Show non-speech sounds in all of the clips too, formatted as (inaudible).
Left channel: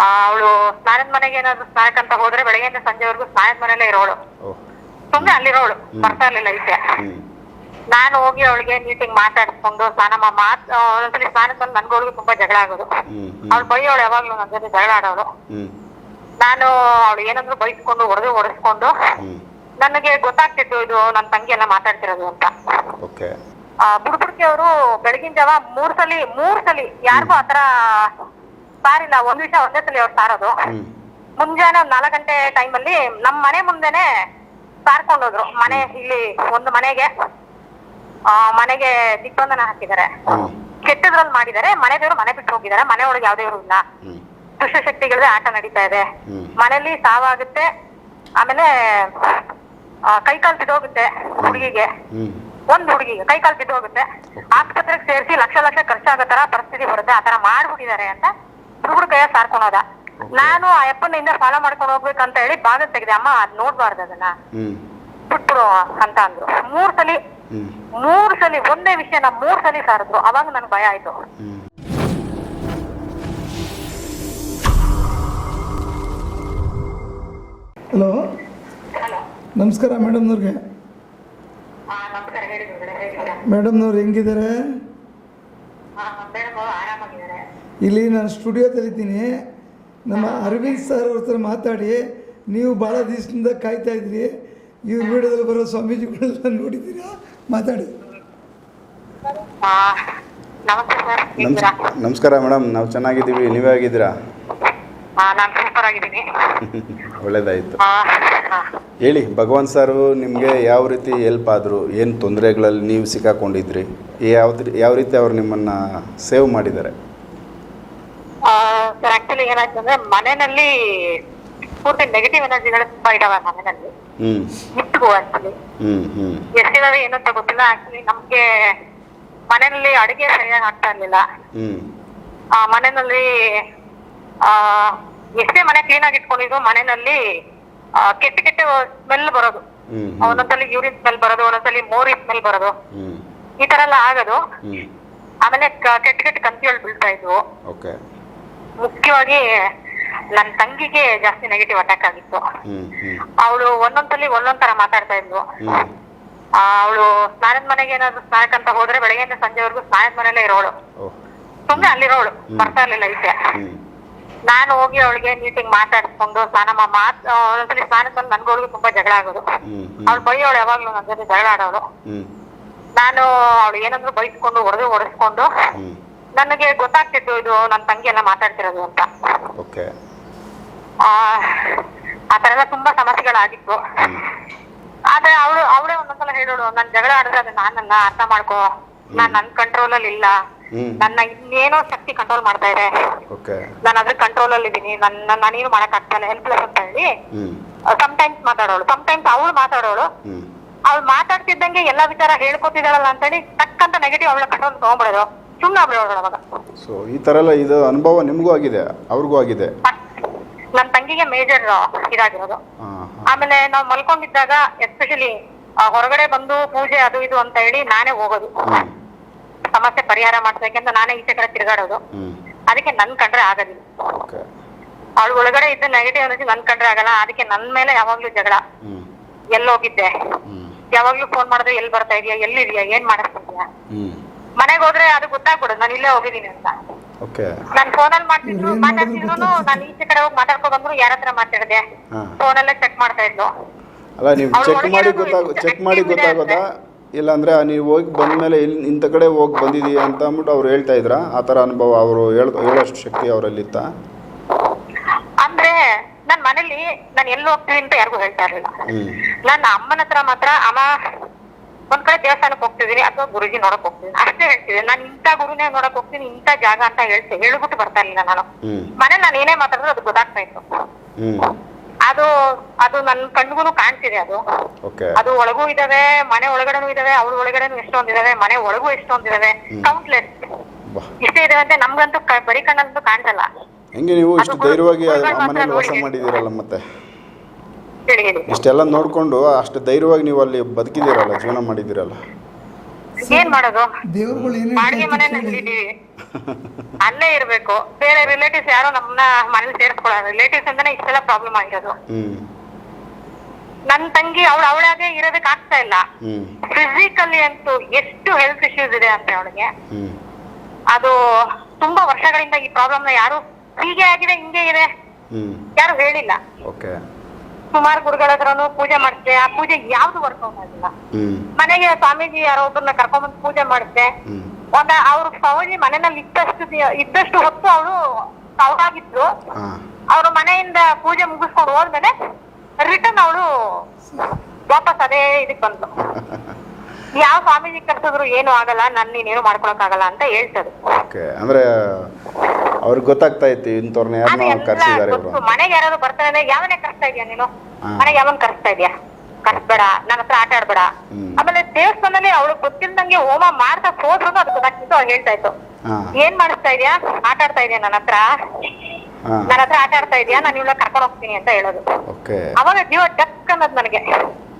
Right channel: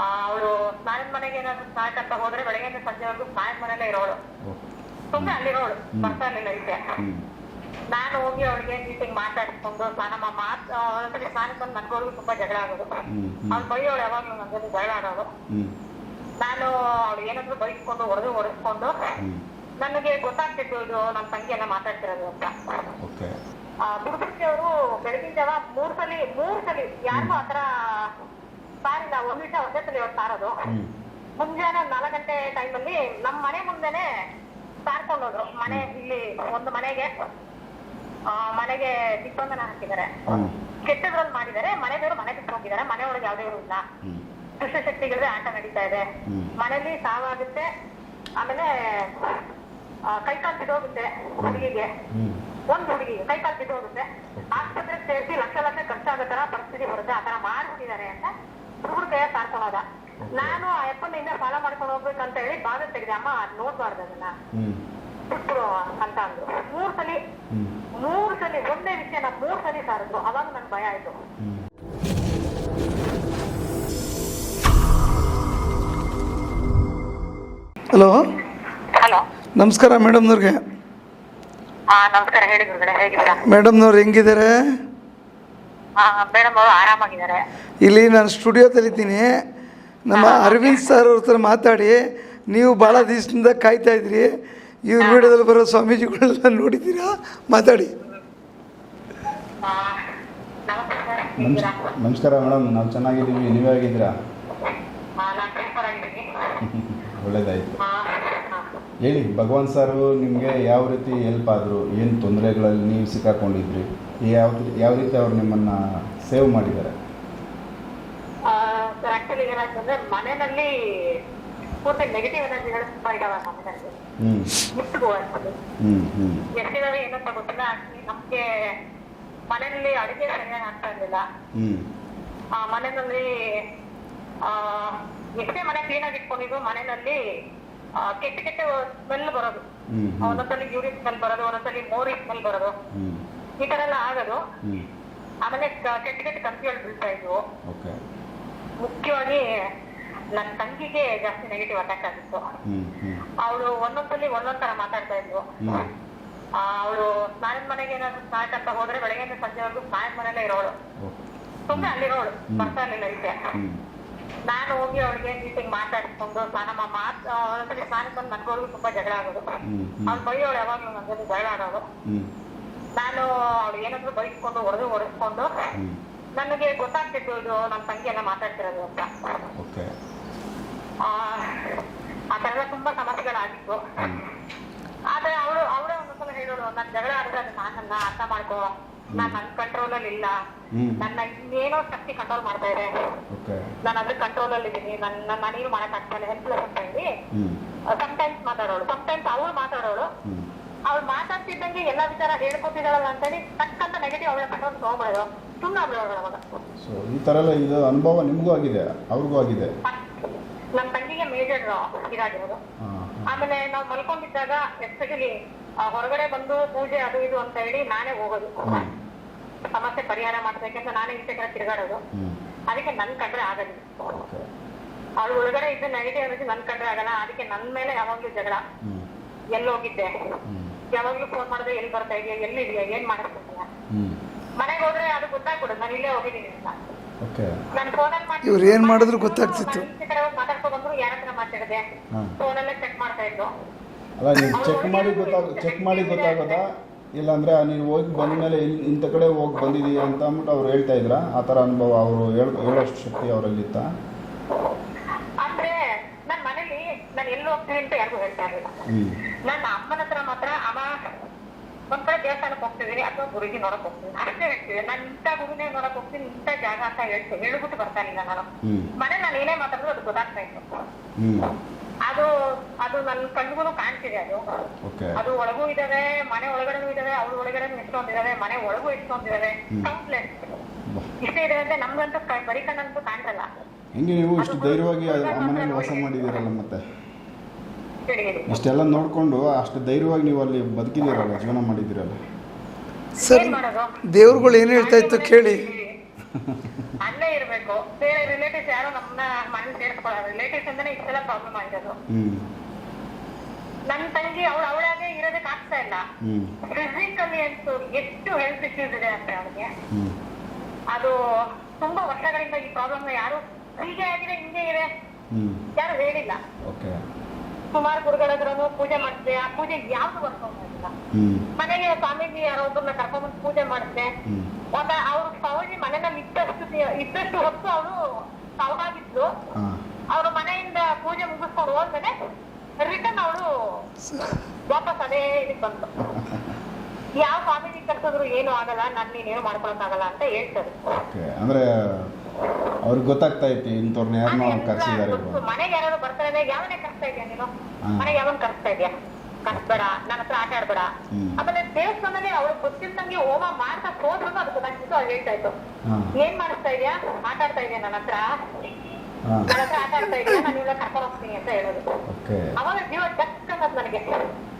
ಅವಳು ಸ್ನಾನದ ಮನೆಗೆ ಏನಾದ್ರು ಸ್ನಾನಕ್ಕಂತ ಹೋದ್ರೆ ಬೆಳಗ್ಗೆಯಿಂದ ಸಂಜೆವರೆಗೂ ಸ್ನಾನದ ಮನೆಯಲ್ಲೇ ಇರೋಳು. ಸುಮ್ನೆ ಅಲ್ಲಿರೋಳು ಬರ್ತಾ ಇರ್ಲಿಲ್ಲ ಈಚೆ ಹ್ಞೂ ನಾನು ಹೋಗಿ ಅವಳಿಗೆ ನೀಟಿಂಗ್ ಮಾತಾಡಿಸ್ಕೊಂಡು ಸ್ನಾನ ಮಾತ್ ಆ, ಒಂದೊಂದ್ಸಲಿ ಸ್ನಾನಕ್ಕೆ ಬಂದು ನನ್ಗೋಳಿಗೂ ತುಂಬಾ ಜಗಳ ಆಗೋದು. ಅವ್ಳು ಅವಳು ಬೈಯೋಳು ಯಾವಾಗ್ಲೂ ನನ್ನ ಜೊತೆ ಜಗಳ ಆಡೋಳು. ನಾನು ಅವಳು ಏನಾದ್ರು ಬೈಸ್ಕೊಂಡು ಹೊಡೆದು ಹೊಡೆಸ್ಕೊಂಡು ನನಗೆ ಗೊತ್ತಾಗ್ತಿತ್ತು ಇದು ನನ್ನ ತಂಗಿ ಎಲ್ಲ ಮಾತಾಡ್ತಿರೋದು ಅಂತ. ಬುಡ್ಬುಡ್ಕಿ ಅವರು ಬೆಳಗಿನ ಜಾವ ಮೂರ್ ಸಲಿ ಮೂರ್ ಸಲಿ ಯಾರಿಗೂ ಆತರ ಸಾರಿಲ್ಲ ಒಂದ್ ವಿಷಯ ಒಂದೇ ಸಲ ಅವ್ರು ಸಾರೋದು. ಮುಂಜಾನೆ ಒಂದ್ ನಾಲ್ಕು ಗಂಟೆ ಟೈಮಲ್ಲಿ ನಮ್ ಮನೆ ಮುಂದೆನೆ ಸಾರ್ಕೊಂಡು ಹೋದ್ರು. ಮನೆ ಇಲ್ಲಿ ಒಂದು ಮನೆಗೆ ಆ ಮನೆಗೆ ದಿಗ್ಬಂಧನ ಹಾಕಿದ್ದಾರೆ. ಕೆಟ್ಟದ್ರಲ್ಲಿ ಮಾಡಿದ್ದಾರೆ. ಮನೆ ದೇವ್ರು ಮನೆ ಬಿಟ್ಟು ಹೋಗಿದ್ದಾರೆ. ಮನೆ ಒಳಗೆ ಯಾವ್ದೇ ಇಲ್ಲ. ದುಷ್ಟ ದುಷ್ಟಶಕ್ತಿಗಳದೇ ಆಟ ನಡೀತಾ ಇದೆ. ಮನೇಲಿ ಸಾವಾಗುತ್ತೆ. ಆಮೇಲೆ ಕೈಕಾಲ್ ಬಿದ್ದೋಗುತ್ತೆ ಹುಡುಗಿಗೆ. ಒಂದ್ ಹುಡುಗಿಗೆ ಕೈಕಾಲ್ ಬಿದ್ದೋಗುತ್ತೆ. ಆಸ್ಪತ್ರೆಗೆ ಸೇರಿಸಿ ಲಕ್ಷ ಲಕ್ಷ ಖರ್ಚಾಗೋ ತರ ಪರಿಸ್ಥಿತಿ ಬರುತ್ತೆ. ಆತರ ಮಾಡ್ಬಿಟ್ಟಿದ್ದಾರೆ ಅಂತ ಹುಡುಗರ ಕೈಯ ಸಾರ್ಕೊಳೋದ ನಾನು ಆ ಅಪ್ಪನ ಹಿಂದೆ ಫಾಲೋ ಮಾಡ್ಕೊಂಡು ಹೋಗ್ಬೇಕಂತ ಹೇಳಿ ಬಾಗ ತೆಗೆದೆ ಅಮ್ಮ ಅದ್ ನೋಡ್ಬಾರ್ದು ಅದನ್ನ. ಬಿಟ್ಬಿಡು ಅಂತ ಅಂದ್ರು. ಮೂರ್ ಸಲಿ ಮೂರ್ ಸಲಿ ಒಂದೇ ವಿಷಯನ ಮೂರ್ ಸಲಿ ಸಾರಿದ್ರು ಅವಾಗ ನನ್ಗೆ ಭಯ ಆಯ್ತು. ಹಲೋ? ಹಲೋ. ನಮಸ್ಕಾರ ಮೇಡಮ್ನವ್ರಿಗೆ. ಆ ನಮಸ್ಕಾರ ಹೇಳಿ ಮೇಡಮ್ನವ್ರು ಹೆಂಗಿದ್ದಾರೆ? ಮೇಡಮ್ ಅವರು ಆರಾಮಾಗಿದ್ದಾರೆ. ಇಲ್ಲಿ ನಾನು ಸ್ಟುಡಿಯೋದಲ್ಲಿದ್ದೀನಿ ನಮ್ಮ ಅರವಿಂದ್ ಸರ್ ಅವ್ರ ಹತ್ರ ಮಾತಾಡಿ. ನೀವು ಭಾಳ ದಿವಸದಿಂದ ಕಾಯ್ತಾ ಇದ್ರಿ. ಇವ್ರ ವಿಡಿಯೋದಲ್ಲಿ ಬರೋ ಸ್ವಾಮೀಜಿಗಳೆಲ್ಲ ನೋಡಿದ್ದೀರಾ? ಮಾತಾಡಿ. ನಮಸ್ಕಾರ ನಮಸ್ತೆ ಸರ್. ನಮ್ಸ್ ಹೇಗಿದ್ದೀರಾ? ನಮಸ್ಕಾರ ಮೇಡಮ್. ನಾವು ಚೆನ್ನಾಗಿದ್ದೀವಿ. ನೀವೇ ಆಗಿದ್ದೀರಾ ನಾನ್ ಸೂಪರ್ ಆಗಿದ್ದೀನಿ. (laughs) ಒಳ್ಳೇದಾಯಿತು. ಹೇಳಿ ಭಗವಾನ್ ಸಾರು ನಿಮಗೆ ಯಾವ ರೀತಿ ಹೆಲ್ಪ್ ಆದರು ಏನು ತೊಂದರೆಗಳಲ್ಲಿ ನೀವು ಸಿಕ್ಕಾಕೊಂಡಿದ್ರಿ? ಯಾವ್ದು ಯಾವ ರೀತಿ ಅವ್ರು ನಿಮ್ಮನ್ನ ಸೇವ್ ಮಾಡಿದ್ದಾರೆ? ಸರ್ ಆಕ್ಚುಲಿ ಏನಾಯ್ತಂದ್ರೆ ಮನೆಯಲ್ಲಿ ಪೂರ್ತಿ ನೆಗೆಟಿವ್ ಎನರ್ಜಿಗಳು ತುಂಬಾ ಇದಾವೆ ಮನೆಯಲ್ಲಿ. ಇತ್ತು ಆಕ್ಚುಲಿ ಎಷ್ಟಿದಾವೆ ಏನು ಅಂತ ಗೊತ್ತಿಲ್ಲ. ಆಕ್ಚುಲಿ ನಮ್ಗೆ ಮನೆಯಲ್ಲಿ ಅಡಿಗೆ ಸರಿಯಾಗಿ ಆಗ್ತಾ ಇರ್ಲಿಲ್ಲ. ಮನೆಯಲ್ಲಿ ಆ ಎಷ್ಟೇ ಮನೆ ಕ್ಲೀನ್ ಆಗಿ ಇಟ್ಕೊಂಡಿದ್ರು ಮನೆಯಲ್ಲಿ ಕೆಟ್ಟ ಕೆಟ್ಟ ಸ್ಮೆಲ್ ಬರೋದು. ಒಂದೊಂದ್ಸಲಿ ಯೂರಿನ್ ಸ್ಮೆಲ್ ಬರೋದು ಒಂದೊಂದ್ಸಲಿ ಮೋರಿ ಸ್ಮೆಲ್ ಬರೋದು. ಈ ತರ ಎಲ್ಲ ಆಗೋದು. ಆಮೇಲೆ ಕೆಟ್ಟ ಕೆಟ್ಟ ಕಂತಿಗಳು ಬೀಳ್ತಾ ಇದ್ವು. ಮುಖ್ಯವಾಗಿ ನನ್ನ ತಂಗಿಗೆ ಜಾಸ್ತಿ ನೆಗೆಟಿವ್ ಅಟ್ಯಾಕ್ ಆಗಿತ್ತು. ಅವಳು ಒಂದೊಂದ್ಸಲಿ ಒಂದೊಂದ್ ತರ ಮಾತಾಡ್ತಾ ಇದ್ಲು. ಅವಳು ಸ್ನಾನದ ಮನೆಗೆ ಏನಾದ್ರು ಸ್ನಾನಕ್ಕಂತ ಹೋದ್ರೆ ಬೆಳಗ್ಗೆಯಿಂದ ಸಂಜೆವರೆಗೂ ಸ್ನಾನದ ಮನೆಯಲ್ಲೇ ಇರೋಳು. ಸುಮ್ನೆ ಅಲ್ಲಿರೋಳು. ಬರ್ತಾ ಇರ್ಲಿಲ್ಲ ಈಚೆ. ನಾನು ಹೋಗಿ ಅವಳಿಗೆ ನೀಟಿಗೆ ಮಾತಾಡ್ಕೊಂಡು ಸ್ನಾನ ಮಾತ್ ಆ, ಒಂದೊಂದ್ಸಲಿ ಸ್ನಾನಕ್ಕೆ ಬಂದು ನನ್ಗೋಳಿಗೂ ತುಂಬಾ ಜಗಳ ಆಗೋದು. ಅವ್ಳು ಅವಳು ಬೈಯೋಳು ಯಾವಾಗ್ಲೂ ನನ್ನ ಜೊತೆ ಜಗಳ ಆಡೋಳು. ನಾನು ಅವಳು ಏನಾದ್ರು ಬೈಸ್ಕೊಂಡು ಹೊಡೆದು ಹೊಡೆಸ್ಕೊಂಡು ನನಗೆ ಗೊತ್ತಾಗ್ತಿತ್ತು ಇದು ನನ್ನ ತಂಗಿ ಎಲ್ಲ ಮಾತಾಡ್ತಿರೋದು ಅಂತ. ಆ ತರ ಎಲ್ಲ ತುಂಬಾ ಸಮಸ್ಯೆಗಳಾಗಿತ್ತು. ಆದ್ರೆ ಅವಳು ಅವಳೇ ಒಂದೊಂದ್ಸಲ ಹೇಳೋಳು ನನ್ ಜಗಳ ಆಡಿದ್ರೆ ಅದು ನಾನಲ್ಲ ಅರ್ಥ ಮಾಡ್ಕೋ. ನಾನ್ ನನ್ ಕಂಟ್ರೋಲ್ ಅಲ್ಲಿ ಇಲ್ಲ. ನನ್ನ ಇನ್ನೇನೋ ಶಕ್ತಿ ಕಂಟ್ರೋಲ್ ಮಾಡ್ತಾ ಇದೆ. ನಾನು ಅದ್ರ ಕಂಟ್ರೋಲ್ ಅಲ್ಲಿ ಇದೀನಿ ನನ್ನ ನಾನೇನು ಮಾಡಕ್ ಆಗ್ತಾ ಇಲ್ಲ ಹೆಲ್ಪ್ಲೆಸ್ ಅಂತ ಹೇಳಿ. Sometimes times ಮಾತಾಡೋಳು. ಟೈಮ್ಸ್ ಅವಳು ಮಾತಾಡೋಳು. ಅವ್ಳು ಮಾತಾಡ್ತಿದ್ದಂಗೆ ಎಲ್ಲಾ ವಿಚಾರ ಹೇಳ್ಕೊತಿದ್ದಾಳಲ್ಲ ಅಂತೇಳಿ ತಕ್ಕಂತ ನೆಗೆಟಿವ್ ಅವಳ ಕಂಟ್ರೋಲ್ ತಗೊಂಡ್ಬಿಡೋದು. ಸುಮ್ಮನೆ ಆಗ್ಬಿಡೋಳು ಅವಾಗ. ಸೊ ಈ ತರ ಎಲ್ಲ ಇದು ಅನುಭವ ನಿಮಗೂ ಆಗಿದೆ ಅವ್ರಿಗೂ ಆಗಿದೆ? ನನ್ನ ತಂಗಿಗೆ ಮೇಜರ್ ಇದಾಗಿರೋದು. ಆಮೇಲೆ ನಾವು ಮಲ್ಕೊಂಡಿದ್ದಾಗ ಎಸ್ಪೆಷಲಿ ಹೊರಗಡೆ ಬಂದು ಪೂಜೆ ಅದು ಇದು ಅಂತ ಹೇಳಿ ನಾನೇ ಹೋಗೋದು. ಸಮಸ್ಯೆ ಪರಿಹಾರ ಮಾಡ್ಬೇಕಂತ ನಾನೇ ಈಚೆ ಕಡೆ ತಿರುಗಾಡೋದು. ಅದಕ್ಕೆ ನನ್ ಕಂಡ್ರೆ ಆಗೋದಿಲ್ಲ. ಅವ್ಳ ಒಳಗಡೆ ಇದ್ದ ನೆಗೆಟಿವ್ ಎನರ್ಜಿ ನನ್ ಕಂಡ್ರೆ ಆಗಲ್ಲ ಅದಕ್ಕೆ ನನ್ ಮೇಲೆ ಯಾವಾಗ್ಲೂ ಜಗಳ. ಎಲ್ಲೋಗಿದ್ದೆ. ಎಲ್ಲಿ ಹೋಗಿದ್ದೆ ಹ್ಞೂ ಯಾವಾಗ್ಲೂ ಫೋನ್ ಮಾಡಿದ್ರೆ ಎಲ್ಲಿ ಬರ್ತಾ ಇದೆಯಾ ಎಲ್ಲಿದ್ಯಾ ಏನ್ ಮಾಡಿಸ್ತಿದ್ಯಾ? ಮನೆಗೆ ಹೋದ್ರೆ ಅದು ಗೊತ್ತಾಗ್ಬಿಡುದು ನಾನು ಇಲ್ಲೇ ಹೋಗಿದ್ದೀನಿ ಅಂತ. ಓಕೆ. ನಾನು ಫೋನಲ್ಲಿ ಇವ್ರು ಏನ್ ಮಾಡಿದ್ರು ಗೊತ್ತಾಗ್ತಿತ್ತು. ನಾನು ಈಚೆ ಕಡೆ ಹೋಗಿ ಮಾತಾಡ್ಕೊ ಬಂದ್ರು ಯಾರ ಹತ್ರ ಮಾತಾಡಿದೆ? ಫೋನ್ ಫೋನಲ್ಲೇ ಚೆಕ್ ಮಾಡ್ತಾ ಇದ್ಲು. ಅಲ್ಲ ನೀವು ಚೆಕ್ ಮಾಡಿ ಗೊತ್ತಾಗ ಚೆಕ್ ಮಾಡಿ ಗೊತ್ತಾಗೋದಾ? ಇಲ್ಲಾಂದ್ರೆ ನೀವು ಹೋಗಿ ಬಂದಮೇಲೆ ಇಲ್ಲಿ ಇಂಥ ಕಡೆ ಹೋಗಿ ಬಂದಿದ್ದೀಯ ಅಂತ ಅಂದ್ಬಿಟ್ಟು ಅವ್ರು ಹೇಳ್ತಾ ಇದ್ರ? ಆ ಥರ ಅನುಭವ ಅವರು ಹೇಳ ಹೇಳೋಷ್ಟು ಶಕ್ತಿ ಅವರಲ್ಲಿತ್ತ? ಅಂದ್ರೆ ನನ್ನ ಮನೇಲಿ ನಾನು ಎಲ್ಲಿ ಹೋಗ್ತೀನಿ ಅಂತ ಯಾರಿಗೂ ಹೇಳ್ತಾ ಇರಲಿಲ್ಲ. ನನ್ನ ಅಮ್ಮನ ಹತ್ರ ಮಾತ್ರ ಅಮ್ಮ ಒಂದ್ ಕಡೆ ದೇವಸ್ಥಾನಕ್ಕೆ ಹೋಗ್ತಿದೀನಿ ಅಥವಾ ಗುರುಜಿ ನೋಡಕ್ ಹೋಗ್ತೀನಿ ಅಷ್ಟೇ ಹೇಳ್ತಿದ್ದೆ. ನಾನು ಇಂಥ ಗುರುನೇ ನೋಡಕ್ ಹೋಗ್ತೀನಿ ಇಂಥ ಜಾಗ ಅಂತ ಹೇಳ್ತೀನಿ ಹೇಳ್ಬಿಟ್ಟು ಬರ್ತಾ ಇರಲಿಲ್ಲ ನಾನು. ಮನೇಲಿ ಮನೆ ನಾನು ಏನೇ ಮಾತಾಡಿದ್ರು ಅದು ಗೊತ್ತಾಗ್ತಾ ಇತ್ತು. ಅದು ಅದು ನನ್ನ ಕಣ್ಗೂ ಕಾಣ್ತಿದೆ ಅದು. ಓಕೆ. ಅದು ಒಳಗೂ ಇದಾವೆ ಮನೆ ಒಳಗಡೆನೂ ಇದಾವೆ ಅವ್ರ ಒಳಗಡೆನೂ ಎಷ್ಟೊಂದಿದಾವೆ ಮನೆ ಒಳಗೂ ಎಷ್ಟೊಂದಿದಾವೆ ಕೌಂಟ್ಲೆಸ್ ಬಾ. ಇಷ್ಟೇ ಇದೆ ಅಂದ್ರೆ ನಮ್ಗಂತೂ ಕ- ಬರೀ ಕಣ್ಣಂತೂ ಕಾಣ್ಸಲ್ಲ. ಹೆಂಗೆ ನೀವು ಇಷ್ಟು ಧೈರ್ಯವಾಗಿ ಆ ಮನೇಲಿ ವಾಸ ಮಾಡಿದ್ದೀರಲ್ಲ ಮತ್ತೆ? ಹೇಳಿ ಹೇಳಿ. ಇಷ್ಟೆಲ್ಲ ನೋಡಿಕೊಂಡು ಅಷ್ಟು ಧೈರ್ಯವಾಗಿ ನೀವು ಅಲ್ಲಿ ಬದುಕಿದ್ದೀರಲ್ಲ ಜೀವನ ಮಾಡಿದ್ದೀರಲ್ಲ? ಏನ್ ಮಾಡೋದು? ದೇವ್ರುಗಳು ಏನು ಹೇಳ್ತಾ ಇತ್ತು ಕೇಳಿ. ಅಲ್ಲೇ ಇರ್ಬೇಕು. ಬೇರೆ ರಿಲೇಟಿವ್ಸ್ ಯಾರು ನಮ್ಮನ್ನ ಮನೇಲಿ ಸೇರಿಸ್ಕೊಳ್ಳೋದು ರಿಲೇಟಿವ್ಸ್ ಅಂತಾನೆ ಇಷ್ಟೆಲ್ಲ ಪ್ರಾಬ್ಲಮ್ ಆಗಿರೋದು. ಹ್ಮ್. ನನ್ ತಂಗಿ ಅವಳು ಅವಳಾಗೆ ಇರೋದಕ್ಕೆ ಆಗ್ತಾ ಇಲ್ಲ. ಫಿಸಿಕಲಿ ಅಂತೂ ಎಷ್ಟು ಹೆಲ್ತ್ ಇಶ್ಯೂಸ್ ಇದೆ ಅಂದ್ರೆ ಅವಳಿಗೆ. ಅದು ತುಂಬಾ ವರ್ಷಗಳಿಂದ ಈ ಪ್ರಾಬ್ಲಮ್ನ ಯಾರು ಹೀಗೆ ಆಗಿದೆ ಹಿಂಗೆ ಇದೆ ಯಾರು ಹೇಳಿಲ್ಲ. ಓಕೆ. ಸುಮಾರು ಗುರುಗಳ ಹತ್ರನು ಪೂಜೆ ಮಾಡಿಸಿದೆ. ಆ ಪೂಜೆ ಯಾವ್ದು ವರ್ಕ್ ಆಗಿಲ್ಲ. ಮನೆಗೆ ಸ್ವಾಮೀಜಿ ಯಾರೋ ಒಬ್ಬರನ್ನ ಕರ್ಕೊಂಡ್ಬಂದು ಪೂಜೆ ಮಾಡಿಸಿದೆ. ಒಂದ ಅವ್ರು ಸ್ವಾಮೀಜಿ ಮನೆಯಲ್ಲಿ ಇದ್ದಷ್ಟು ದಿ- ಇದ್ದಷ್ಟು ಹೊತ್ತು ಅವರು ಅವಳಾಗಿದ್ರು ಹಾಂ. ಅವ್ರ ಮನೆಯಿಂದ ಪೂಜೆ ಮುಗಿಸ್ಕೊಂಡು ಹೋದ್ಮೇಲೆ ರಿಟರ್ನ್ ಅವಳು ವಾಪಸ್ ಅದೇ ಇದಕ್ ಬಂತು (laughs) ಯಾವ ಸ್ವಾಮೀಜಿ ಕರ್ಸಿದ್ರು ಏನು ಆಗಲ್ಲ ನನ್ ನೀನೇನು ಮಾಡ್ಕೊಳಕ್ ಆಗಲ್ಲ ಅಂತ ಹೇಳ್ತದ್ರು ಓಕೆ ಅಂದರೆ ಅವ್ರಿಗೆ ಗೊತ್ತಾಗ್ತಾ ಇತ್ತು ಇಂಥವ್ರನ್ನ ಯಾರನ್ನೋ ಕರೆಸಿದ್ದಾರೆ ಇವರು ಗೊತ್ತು ಮನೆಗೆ ಯಾರಾದ್ರು ಬರ್ತಾರೆ ಯಾವನೇ ಕರ್ಸ್ತಾ ಇದೀಯ ನೀನು? ಹಾ. ಮನೆಗೆ ಯಾವನ್ ಕರ್ಸ್ತಾ ಇದೀಯ? ಕರ್ಸ್ಬೇಡ ನನ್ನ ಹತ್ರ ಆಟ ಆಡ್ಬೇಡ. ಆಮೇಲೆ ದೇವಸ್ಥಾನದಲ್ಲಿ ಅವಳು ಗೊತ್ತಿಲ್ದಂಗೆ ಹೋಮ ಮಾಡ್ತಾ ಹೋದ್ರು ಅದು ಗೊತ್ತಾಗ್ತಿತ್ತು ಅವ್ಳು ಹೇಳ್ತಾ ಇತ್ತು ಏನ್ ಮಾಡಿಸ್ತಾ ಇದ್ಯಾ? ಆಟ ಆಡ್ತಾ ಇದೆಯಾ ನನ್ನ ಹತ್ರ? ನನ್ನ ಹತ್ರ ಆಟ ಆಡ್ತಾ ಇದೀಯಾ? ನಾನು ಇವಳ ಕರ್ಕೊಂಡು ಹೋಗ್ತೀನಿ ಅಂತ ಹೇಳೋದು. ಅವಾಗ ಜೀವ ಟಕ್ ಅನ್ನೋದು ನನಗೆ.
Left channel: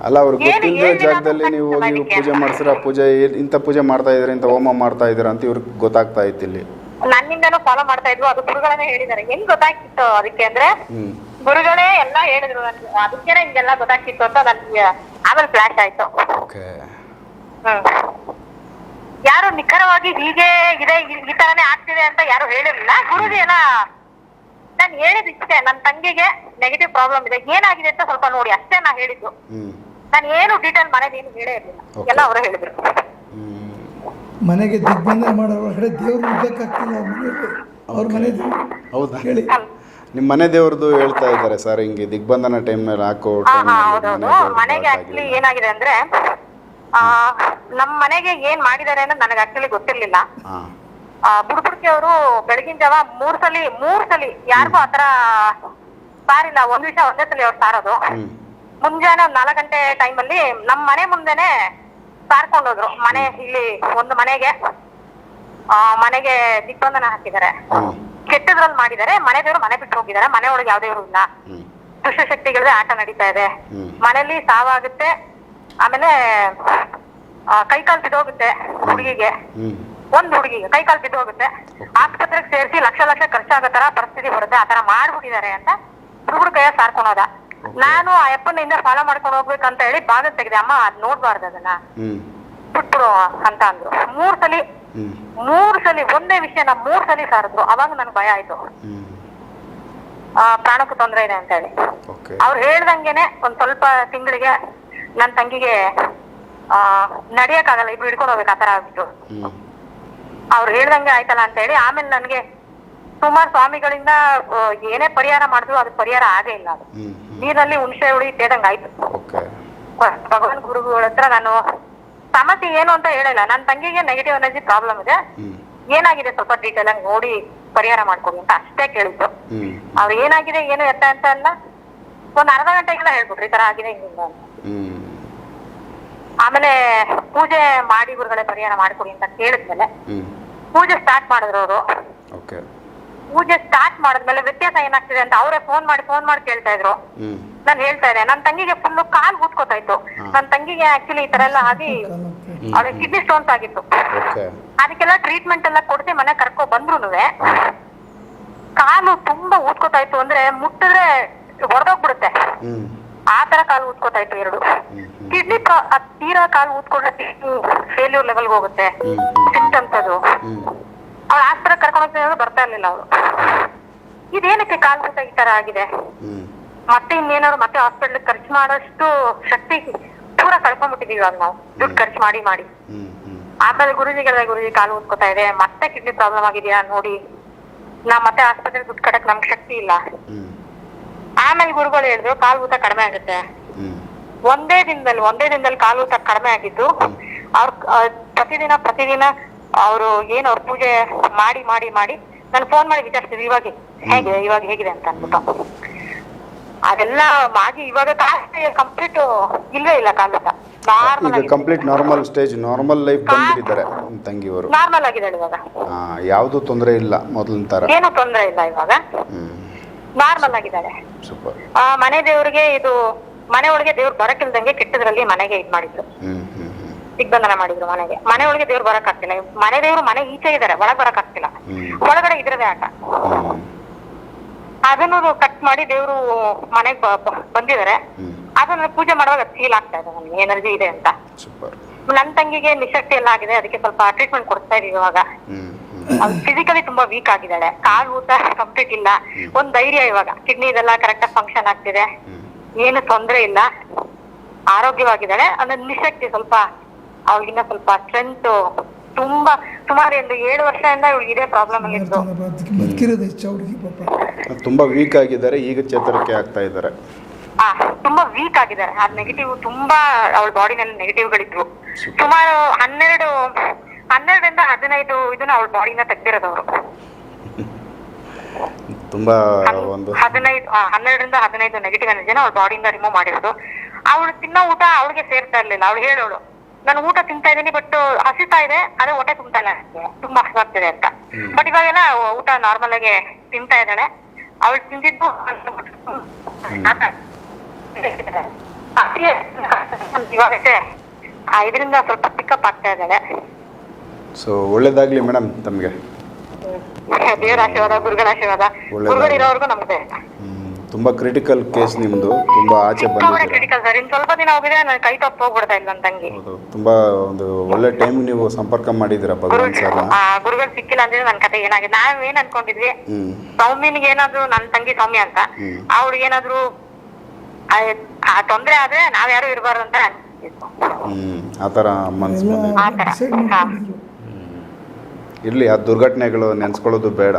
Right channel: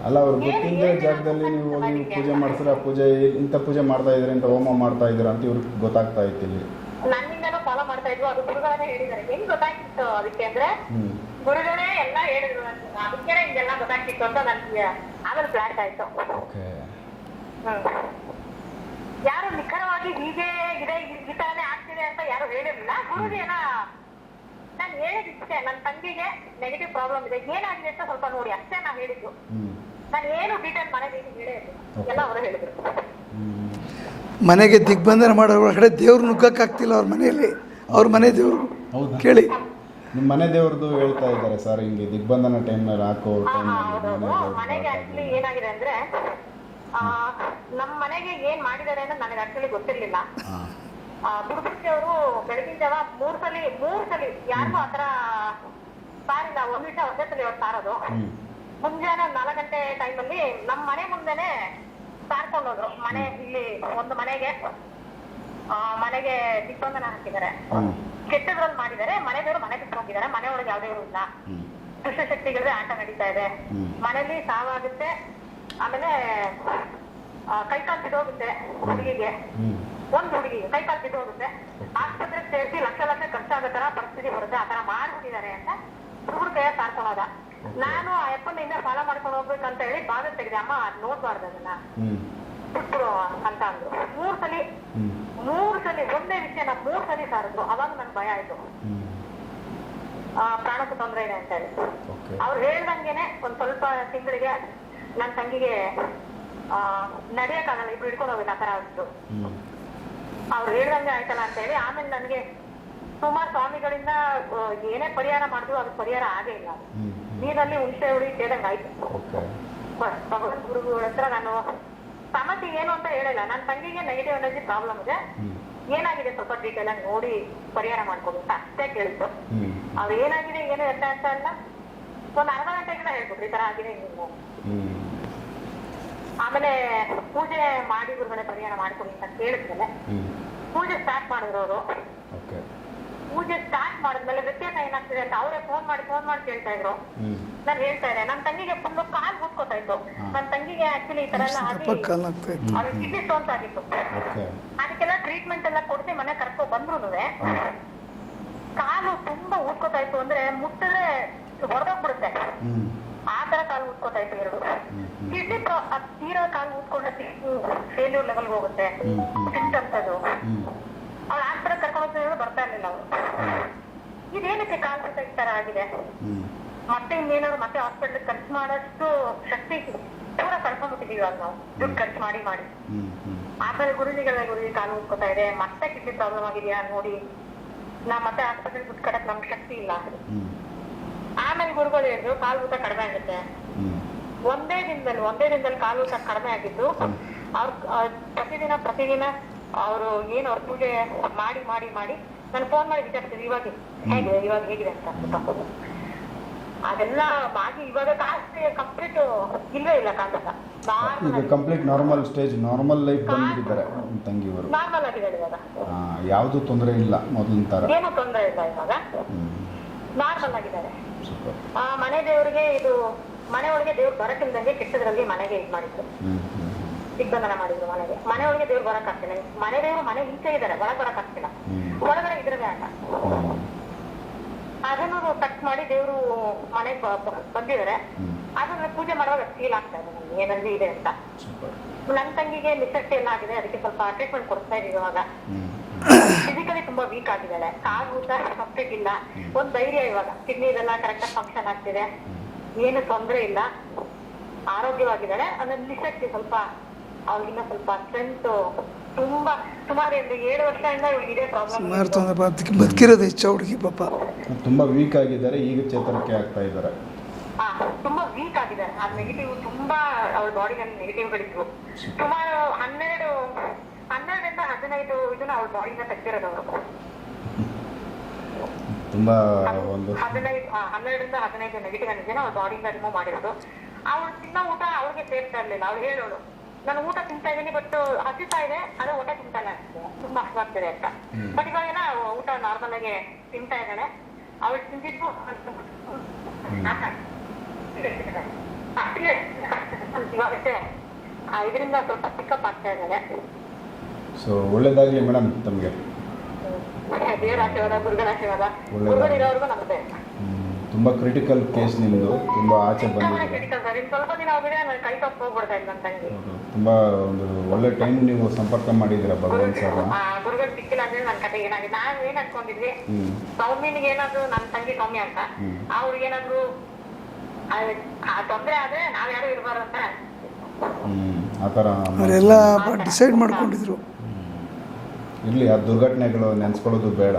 ಅಲ್ಲ ಅವ್ರು ಗೊತ್ತಿಲ್ಲದ ಜಾಗದಲ್ಲಿ ನೀವು ಹೋಗಿ ಪೂಜೆ ಮಾಡಿಸಿರ? ಪೂಜೆ ಇಂತ ಇಂಥ ಪೂಜೆ ಮಾಡ್ತಾ ಇದ್ರೆ ಇಂತ ಹೋಮ ಮಾಡ್ತಾ ಇದ್ದೀರಾ ಅಂತ ಇವ್ರಿಗೆ ಗೊತ್ತಾಗ್ತಾ ಇತ್ತು ಇಲ್ಲಿ. ನನ್ನಿಂದನೂ ಫಾಲೋ ಮಾಡ್ತಾ ಇದ್ರು. ಅದು ಗುರುಗಳನ್ನೇ ಹೇಳಿದ್ದಾರೆ. ಹೆಂಗ್ ಗೊತ್ತಾಗ್ತಿತ್ತು ಅದಕ್ಕೆ ಅಂದ್ರೆ ಗುರುಗಳೇ ಎಲ್ಲ ಹೇಳಿದ್ರು ನನ್ಗೆ. ಅದಕ್ಕೆ ಹಿಂಗೆಲ್ಲ ಗೊತ್ತಾಗ್ತಿತ್ತು ಅಂತ ನನ್ಗೆ ಆಮೇಲೆ ಫ್ಲಾಶ್ ಆಯ್ತು. Okay hmm. ಯಾರು ನಿಖರವಾಗಿ ಹೀಗೆ ಇದೆ ಈ- ಈ ತರನೇ ಆಗ್ತಿದೆ ಅಂತ ಯಾರು ಹೇಳಿರ್ಲಿಲ್ಲ. ಗುರುಜಿ ಎಲ್ಲ ನಾನು ಹೇಳಿದ್ ಇಷ್ಟೇ. ನನ್ನ ತಂಗಿಗೆ ನೆಗೆಟಿವ್ ಪ್ರಾಬ್ಲಮ್ ಇದೆ. ಏನಾಗಿದೆ ಅಂತ ಸ್ವಲ್ಪ ನೋಡಿ. ಅಷ್ಟೇ ನಾ ಹೇಳಿದ್ದು. ನಾನು ಏನು ಡೀಟೇಲ್ ಮನೆ ನೀನು ಹೇಳೇ ಇರ್ಲಿಲ್ಲ. ಎಲ್ಲ ಅವರು ಹೇಳಿದ್ರು. ಮನೆಗೆ ದಿಗ್ಬಂಧನ ಮಾಡೋ ಒಳಗಡೆ ದೇವ್ರು ನುಗ್ಗಕ್ಕಾಗ್ತಿಲ್ಲ ಅವ್ರ ಮನೆಯಲ್ಲಿ. ಅವ್ರ ಮನೆ ದೇವ್ರು. ಹೌದಾ? ಕೇಳಿ. ನಿಮ್ಮ ಮನೆ ದೇವ್ರದ್ದು ಹೇಳ್ತಾ ಇದ್ದಾರೆ ಸರ್ ಹಿಂಗೆ ದಿಗ್ಬಂಧನ ಟೈಮ್ನಲ್ಲಿ ಹಾಕೋ ಹಾ ಹಾ ಟೈಮ್ನಲ್ಲಿ ಹೌದೌದು ಮನೆಗೆ ಆಕ್ಚುಲಿ ಏನಾಗಿದೆ ಅಂದ್ರೆ ಆ ನಮ್ ಮನೆಗೆ ಏನ್ ಮಾಡಿದ್ದಾರೆ ಅನ್ನೋದು ನನಗೆ ಆಕ್ಚುಲಿ ಗೊತ್ತಿರ್ಲಿಲ್ಲ. ಹಾ. ಆ ಬುಡ್ಬುಡ್ಕಿ ಅವರು ಬೆಳಗಿನ ಜಾವ ಮೂರ್ ಸಲಿ ಮೂರ್ ಸಲಿ ಯಾರಿಗೂ ಆತರ ಸಾರಿಲ್ಲ ಒಂದ್ ವಿಷಯ ಒಂದೇ ಸಲಿ ಅವ್ರು ಸಾರೋದು. ಹ್ಞೂ ಮುಂಜಾನೆ ಒಂದ್ ನಾಲ್ಕು ಗಂಟೆ ಅಲ್ಲಿ ನಮ್ ಮನೆ ಮುಂದೆನೆ ಸಾರ್ಕೊಂಡ್ ಹೋದ್ರು. ಮನೆ ಇಲ್ಲಿ ಒಂದು ಮನೆಗೆ ಆ ಮನೆಗೆ ದಿಗ್ಬಂಧನ ಹಾಕಿದ್ದಾರೆ. ಕೆಟ್ಟದ್ರಲ್ಲಿ ಮಾಡಿದ್ದಾರೆ ಮನೆ ದೇವ್ರು ಮನೆ ಬಿಟ್ಟು ಹೋಗಿದ್ದಾರೆ ಮನೆ ಒಳಗೆ ಯಾವ್ದೇ ಇಲ್ಲ. ದುಷ್ಟ ದುಷ್ಟಶಕ್ತಿಗಳದೇ ಆಟ ನಡೀತಾ ಇದೆ. ಮನೇಲಿ ಸಾವಾಗುತ್ತೆ ಆಮೇಲೆ ಕೈ ಕಾಲ್ ಬಿದ್ದೋಗುತ್ತೆ ಹುಡುಗಿಗೆ. ಒಂದ್ ಹುಡುಗಿಗೆ ಕೈಕಾಲು ಬಿದ್ದೋಗುತ್ತೆ. ಆಸ್ಪತ್ರೆಗೆ ಸೇರಿಸಿ ಲಕ್ಷ ಲಕ್ಷ ಖರ್ಚಾಗೋ ತರ ಪರಿಸ್ಥಿತಿ ಬರುತ್ತೆ ಆತರ ಮಾಡ್ಬಿಟ್ಟಿದ್ದಾರೆ ಅಂತ ಹುಡುಗರು ಕೈಯ ಸಾರ್ಕೊಳೋದ. ನಾನು ಆ ಅಪ್ಪನಿಂದ ಫಾಲೋ ಮಾಡ್ಕೊಂಡು ಹೋಗ್ಬೇಕಂತ ಹೇಳಿ ಭಾಗ ತೆಗೆದೆ ಅಮ್ಮ ಅದ್ ನೋಡ್ಬಾರ್ದು ಅದನ್ನ. ಬಿಟ್ಬಿಡು ಅಂತ ಅಂದ್ರು. ಮೂರ್ ಸಲಿ ಮೂರ್ ಸಲ ಒಂದೇ ವಿಷಯನ ಮೂರ್ ಸಲ ಸಾರಿದ್ರು. ಅವಾಗ ನನ್ ಭಯ ಆಯ್ತು. ಆ, ಪ್ರಾಣಕ್ಕೂ ತೊಂದರೆ ಇದೆ ಅಂತ ಹೇಳಿ ಅವ್ರು ಹೇಳ್ದಂಗೆನೆ ಒಂದ್ ಸ್ವಲ್ಪ ತಿಂಗಳಿಗೆ ನನ್ ತಂಗಿಗೆ ಆ ನಡಿಯಕ್ಕಾಗಲ್ಲ ಇಬ್ರು ಹಿಡ್ಕೊಂಡು ಹೋಗ್ಬೇಕು ಆತರ ಆಗ್ಬಿಟ್ಟು ಅವ್ರು ಹೇಳ್ದಂಗೆ ಆಯ್ತಲ್ಲ ಅಂತ ಹೇಳಿ ಆಮೇಲೆ ನನ್ಗೆ ಸುಮಾರು ಸ್ವಾಮಿಗಳಿಂದ ಏನೇ ಪರಿಹಾರ ಮಾಡಿದ್ರು ಅದು ಪರಿಹಾರ ಆಗೇ ಇಲ್ಲ ನೀರಲ್ಲಿ ಹುಣಸೆ ಹುಳಿ ತೇದಂಗ್ ಆಯ್ತು. ಭಗವಾನ್ ಗುರುಗಳ ಹತ್ರ ನಾನು ಸಮಸ್ಯೆ ಏನು ಅಂತ ಹೇಳಲ್ಲ. ನನ್ನ ತಂಗಿಗೆ ನೆಗೆಟಿವ್ ಎನರ್ಜಿ ಪ್ರಾಬ್ಲಮ್ ಇದೆ. ಏನಾಗಿದೆ ಸ್ವಲ್ಪ ಡೀಟೇಲ್ ಆಗಿ ನೋಡಿ ಪರಿಹಾರ ಮಾಡ್ಕೊಡಿ ಅಂತ ಅಷ್ಟೇ ಕೇಳಿದ್ದು. ಅವ್ರು ಏನಾಗಿದೆ ಏನು ಎತ್ತ ಅಂತ ಅಲ್ಲ ಒಂದ್ ಅರ್ಧ ಗಂಟೆಗೆಲ್ಲ ಹೇಳ್ಬಿಟ್ರಿ. ಈ ತರ ಆಗಿದೆ ಅಂತ. ಆಮೇಲೆ ಪೂಜೆ ಮಾಡಿ ಗುರುಗಳೇ ಪರಿಹಾರ ಮಾಡ್ಕೊಡಿ ಅಂತ ಕೇಳಿದ್ಮೇಲೆ ಪೂಜೆ ಸ್ಟಾರ್ಟ್ ಮಾಡಿದ್ರು ಅವರು. ಪೂಜೆ ಸ್ಟಾರ್ಟ್ ಮಾಡಿದ್ಮೇಲೆ ವ್ಯತ್ಯಾಸ ಏನಾಗ್ತಿದೆ ಅಂತ ಅವರೇ ಫೋನ್ ಮಾಡಿ ಫೋನ್ ಮಾಡಿ ಕೇಳ್ತಾ ಇದ್ರು. ನಾನು ಹೇಳ್ತಾ ಇದ್ದೆ ನನ್ನ ತಂಗಿಗೆ ಫುಲ್ ಕಾಲ್ ಇತ್ತು. ನನ್ನ ತಂಗಿಗೆ ಆಕ್ಚುಲಿ ಈ ತರ ಎಲ್ಲ ಆಗಿ ಅವ್ರಿಗೆ. ಅವಳಿಗೆ ಕಿಡ್ನಿ ಸ್ಟೋನ್ಸ್ ಆಗಿತ್ತು. ಓಕೆ. ಅದಕ್ಕೆಲ್ಲ ಟ್ರೀಟ್ಮೆಂಟ್ ಎಲ್ಲ ಕೊಡ್ತಿ ಮನೆ ಕರ್ಕೊ ಬಂದ್ರು ಕಾಲು ತುಂಬಾ ಊದ್ಕೋತಾ ಇತ್ತು ಅಂದ್ರೆ ಮುಟ್ಟಿದ್ರೆ ಹೊಡೆದೋಗ್ಬಿಡುತ್ತೆ ಆ ತರ ಕಾಲು ಊದ್ಕೋತಾ ಇತ್ತು ಎರಡು. ಕಿಡ್ನಿ ತೀರಾ ಕಾಲು ಊದ್ಕೊಂಡ್ರೆ ಫೇಲ್ಯೂರ್ ಲೆವೆಲ್ಗೆ ಹೋಗುತ್ತೆ. ಸಿಸ್ಟಮ್ಸ್ ಅದು. ಅವಳ ಆಸ್ಪತ್ರೆ ಕರ್ಕೊಂಡು ಹೋಗ್ತೀನಿ ಬರ್ತಾ ಇರ್ಲಿಲ್ಲ ಅವಳು. ಇದೇನಕ್ಕೆ ಏನಕ್ಕೆ ಊತ ಈ ತರ ಆಗಿದೆ? ಮತ್ತೆ ಇನ್ನೇನಾದ್ರು ಮತ್ತೆ ಹಾಸ್ಪಿಟಲ್ ಖರ್ಚು ಮಾಡೋಷ್ಟು ಶಕ್ತಿ ಪೂರ ಕಳ್ಕೊಂಡ್ಬಿಟ್ಟಿದೀವಿ ಇವಾಗ ನಾವು. ದುಡ್ಡು ಖರ್ಚು ಮಾಡಿ ಮಾಡಿ. ಆಮೇಲೆ ಗುರುಜಿಗೆಲ್ಲ ಗುರುಜಿ ಕಾಲು ಉತ್ಕೋತಾ ಇದೆ ಮತ್ತೆ ಕಿಡ್ನಿ ಪ್ರಾಬ್ಲಮ್ ಆಗಿದೆಯಾ ನೋಡಿ. ನಾ ಮತ್ತೆ ಆಸ್ಪತ್ರೆ ದುಡ್ಡು ಕಟ್ಟಕ್ ನಮ್ಗೆ ಶಕ್ತಿ ಇಲ್ಲ. ಆಮೇಲೆ ಗುರುಗಳು ಹೇಳಿದ್ರು ಕಾಲು ಊತ ಕಡಿಮೆ ಆಗುತ್ತೆ. ಒಂದೇ ದಿನದಲ್ಲಿ ಒಂದೇ ದಿನದಲ್ಲಿ ಕಾಲು ಊತ ಕಡಿಮೆ ಆಗಿದ್ದು ಅವ್ರ ಪ್ರತಿದಿನ ಪ್ರತಿದಿನ ಅವರು ಏನು ಅವ್ರ ಪೂಜೆ ಮಾಡಿ ಮಾಡಿ ಮಾಡಿ ನಾನು ಫೋನ್ ಮಾಡಿ ವಿಚಾರಿಸ್ತೀವಿ ಇವಾಗ ಹೇಗೆ ಇವಾಗ ಹೇಗಿದೆ ಅಂತ ಅನ್ಬಿಟ್ಟು. ಅದೆಲ್ಲ ಮಾಡಿ ಇವಾಗ ಕಾಸ್ಟ್ ಕಂಪ್ಲೀಟ್ ಇಲ್ಲೇ ಇಲ್ಲ ಕಾಲದ ಈಗ complete normal stage normal life ಬಂದ್ಬಿಟ್ಟಿದ್ದಾರೆ ತಂಗಿಯವರು. ನಾರ್ಮಲ್ ಆಗಿದ್ದಾಳೆ ಇವಾಗ. ಯಾವುದು ತೊಂದರೆ ಇಲ್ಲ ಮೊದಲಿನ ತರ. ಏನು ತೊಂದರೆ ಇಲ್ಲ ಇವಾಗ. ನಾರ್ಮಲ್ ಆಗಿದ್ದಾಳೆ. ಸೂಪರ್ ಆ ಮನೆ ದೇವ್ರಿಗೆ ಇದು ಮನೆ ಒಳಗೆ ದೇವ್ರು ಬರಕಿಲ್ದಂಗೆ ಕೆಟ್ಟದ್ರಲ್ಲಿ ಮನೆಗೆ ಇದ್ ಮಾಡಿದ್ರು. ದಿಗ್ಬಂಧನ ಮಾಡಿದ್ರು ಮನೆಗೆ. ಮನೆ ಒಳಗೆ ದೇವ್ರು ಬರಕ್ ಆಗ್ತಿಲ್ಲ. ಮನೆ ದೇವ್ರು ಮನೆ ಈಚೆ ಇದಾರೆ ಒಳಗ್ ಬರಕ್ ಆಗ್ತಿಲ್ಲ. ಒಳಗಡೆ ಇದ್ರದೇ ಆಟ. ಅದನ್ನು ಕಟ್ ಮಾಡಿ ದೇವ್ರು ಮನೆಗ್ ಬಂದಿದ್ದಾರೆ ಅದನ್ನ ಪೂಜೆ ಮಾಡುವಾಗ ಫೀಲ್ ಆಗ್ತಾ ಇದೆ ನನ್ಗೆ ಎನರ್ಜಿ ಇದೆ ಅಂತ. ನನ್ ತಂಗಿಗೆ ನಿಶಕ್ತಿ ಎಲ್ಲ ಆಗಿದೆ ಅದಕ್ಕೆ ಸ್ವಲ್ಪ ಟ್ರೀಟ್ಮೆಂಟ್ ಕೊಡ್ತಾ ಇದೀವಿ ಇವಾಗ. ಫಿಸಿಕಲಿ ತುಂಬಾ ವೀಕ್ ಆಗಿದ್ದಾಳೆ. ಕಾಲು ಊತ ಕಂಪ್ಲೀಟ್ ಇಲ್ಲ. ಒಂದ್ ಧೈರ್ಯ ಇವಾಗ. ಕಿಡ್ನಿ ಇದೆಲ್ಲ ಕರೆಕ್ಟ್ ಆಗಿ ಫಂಕ್ಷನ್ ಆಗ್ತಿದೆ. ಏನು ತೊಂದ್ರೆ ಇಲ್ಲ. ಆರೋಗ್ಯವಾಗಿದ್ದಾಳೆ. ಅಂದ್ರೆ ನಿಶಕ್ತಿ ಸ್ವಲ್ಪ ಅವಳಿಗಿನ್ನ ಸ್ವಲ್ಪ ಸ್ಟ್ರೆಂತ್ ತುಂಬಾ ಸುಮಾರು ಒಂದು ಏಳು ವರ್ಷದಿಂದ ಇವಳಿಗೆ ಇದೇ ಪ್ರಾಬ್ಲಮ್ ಬದುಕಿ ಬದುಕಿರೋದು ಹೆಚ್ಚು ಹುಡುಗಿ ಪಾಪ. ತುಂಬ ವೀಕ್ ಆಗಿದ್ದಾರೆ ಈಗ ಚೇತರಿಕೆ ಆಗ್ತಾ ಇದ್ದಾರೆ. ಆ, ತುಂಬಾ ವೀಕ್ ಆಗಿದ್ದಾರೆ. ಆ ನೆಗೆಟಿವ್ ತುಂಬಾ ಅವಳ ಬಾಡಿನಲ್ಲಿ ನೆಗೆಟಿವ್ ಗಳಿದ್ರು ಸುಮಾರು ಹನ್ನೆರಡು ಹನ್ನೆರಡರಿಂದ ಹದಿನೈದು ಇದನ್ನ ಅವಳ ಬಾಡಿನ ತೆಗ್ದಿರೋದು ಅವರು. ತುಂಬ ಒಂದು ಹದಿನೈದು ಆ, ಹನ್ನೆರಡರಿಂದ ಹದಿನೈದು ನೆಗೆಟಿವ್ ಎನರ್ಜಿನ ಅವಳ ಬಾಡಿಯಿಂದ ರಿಮೂವ್ ಮಾಡಿರೋದು. ಅವಳು ತಿನ್ನೋ ಊಟ ಅವಳಿಗೆ ಸೇರ್ತಾ ಇರ್ಲಿಲ್ಲ. ಅವಳು ಹೇಳೋಳು ನಾನು ಊಟ ತಿಂತಾ ಇದ್ದೀನಿ ಬಟ್ ಹಸಿತಾ ಇದೆ ಅದೇ ಹೊಟ್ಟೆ ತುಂಬ್ತಾ ಇಲ್ಲ ನನಗೆ. ತುಂಬಾ ಹಸಿವಾಗ್ತಿದೆ ಅಂತ. ಬಟ್ ಇವಾಗೆಲ್ಲ ಊಟ ನಾರ್ಮಲ್ ಆಗಿ ತಿಂತಾ ಇದ್ದಾಳೆ. ಅವಳು ತಿಂದಿದ್ದು (laughs) ಇವಾಗ ಇದರಿಂದ ಸ್ವಲ್ಪ ಪಿಕಪ್ ಆಗ್ತಾ ಇದ್ದಾಳೆ. ಸೊ ಒಳ್ಳೇದಾಗ್ಲಿ ಮೇಡಮ್ ತಮಗೆ. ದೇವರ ಆಶೀರ್ವಾದ ಗುರುಗಳ ಆಶೀರ್ವಾದ. ಗುರುಗಳಿರೋವರೆಗೂ ನಮ್ದೆ. ತುಂಬ ಕ್ರಿಟಿಕಲ್ ಕೇಸ್ ನಿಮ್ಮದು ತುಂಬಾ ಆಚೆ ಬಂದಿದೆ ಬಂದಿದ್ದೀರಾ? ಕ್ರಿಟಿಕಲ್ ಸರ್ ಇನ್ ಸ್ವಲ್ಪ ದಿನ ಹೋಗಿದೆ ನಾನು ಕೈ ತಪ್ಪು ಹೋಗ್ಬಿಡ್ತಾ ಇಲ್ಲ ನನ್ನ ತಂಗಿ. ಹೌದು. ತುಂಬ ಒಂದು ಒಳ್ಳೆ ಟೈಮ್ ನೀವು ಸಂಪರ್ಕ ಮಾಡಿದ್ದೀರಾ ಭಗವಂತ ಸರ್ ಆ, ಗುರುಗಳು ಸಿಕ್ಕಿಲ್ಲ ಅಂದ್ರೆ ನನ್ನ ಕತೆ ಏನಾಗಿದೆ? ನಾವ್ ಏನ್ ಅನ್ಕೊಂಡಿದ್ವಿ? ಹ್ಞೂ ಸೌಮ್ಯನಿಗೆ ಏನಾದ್ರು ನನ್ನ ತಂಗಿ ಸೌಮ್ಯ ಅಂತ ಹ್ಮ್. ಅವ್ರಿಗೆ ಏನಾದ್ರು ಆ- ಆ ತೊಂದ್ರೆ ಆದ್ರೆ ನಾವ್ ಯಾರು ಇರಬಾರ್ದು ಅಂತ. ಹ್ಞೂ ಆ ಥರ ಅವರೆಲ್ಲ. ಡಿಸೈಡ್ ಮಾಡ್ಕೊಂಡಿದ್ರು. ಇರಲಿ ಆ ದುರ್ಘಟನೆಗಳು ನೆನೆಸ್ಕೊಳ್ಳೋದು ಬೇಡ.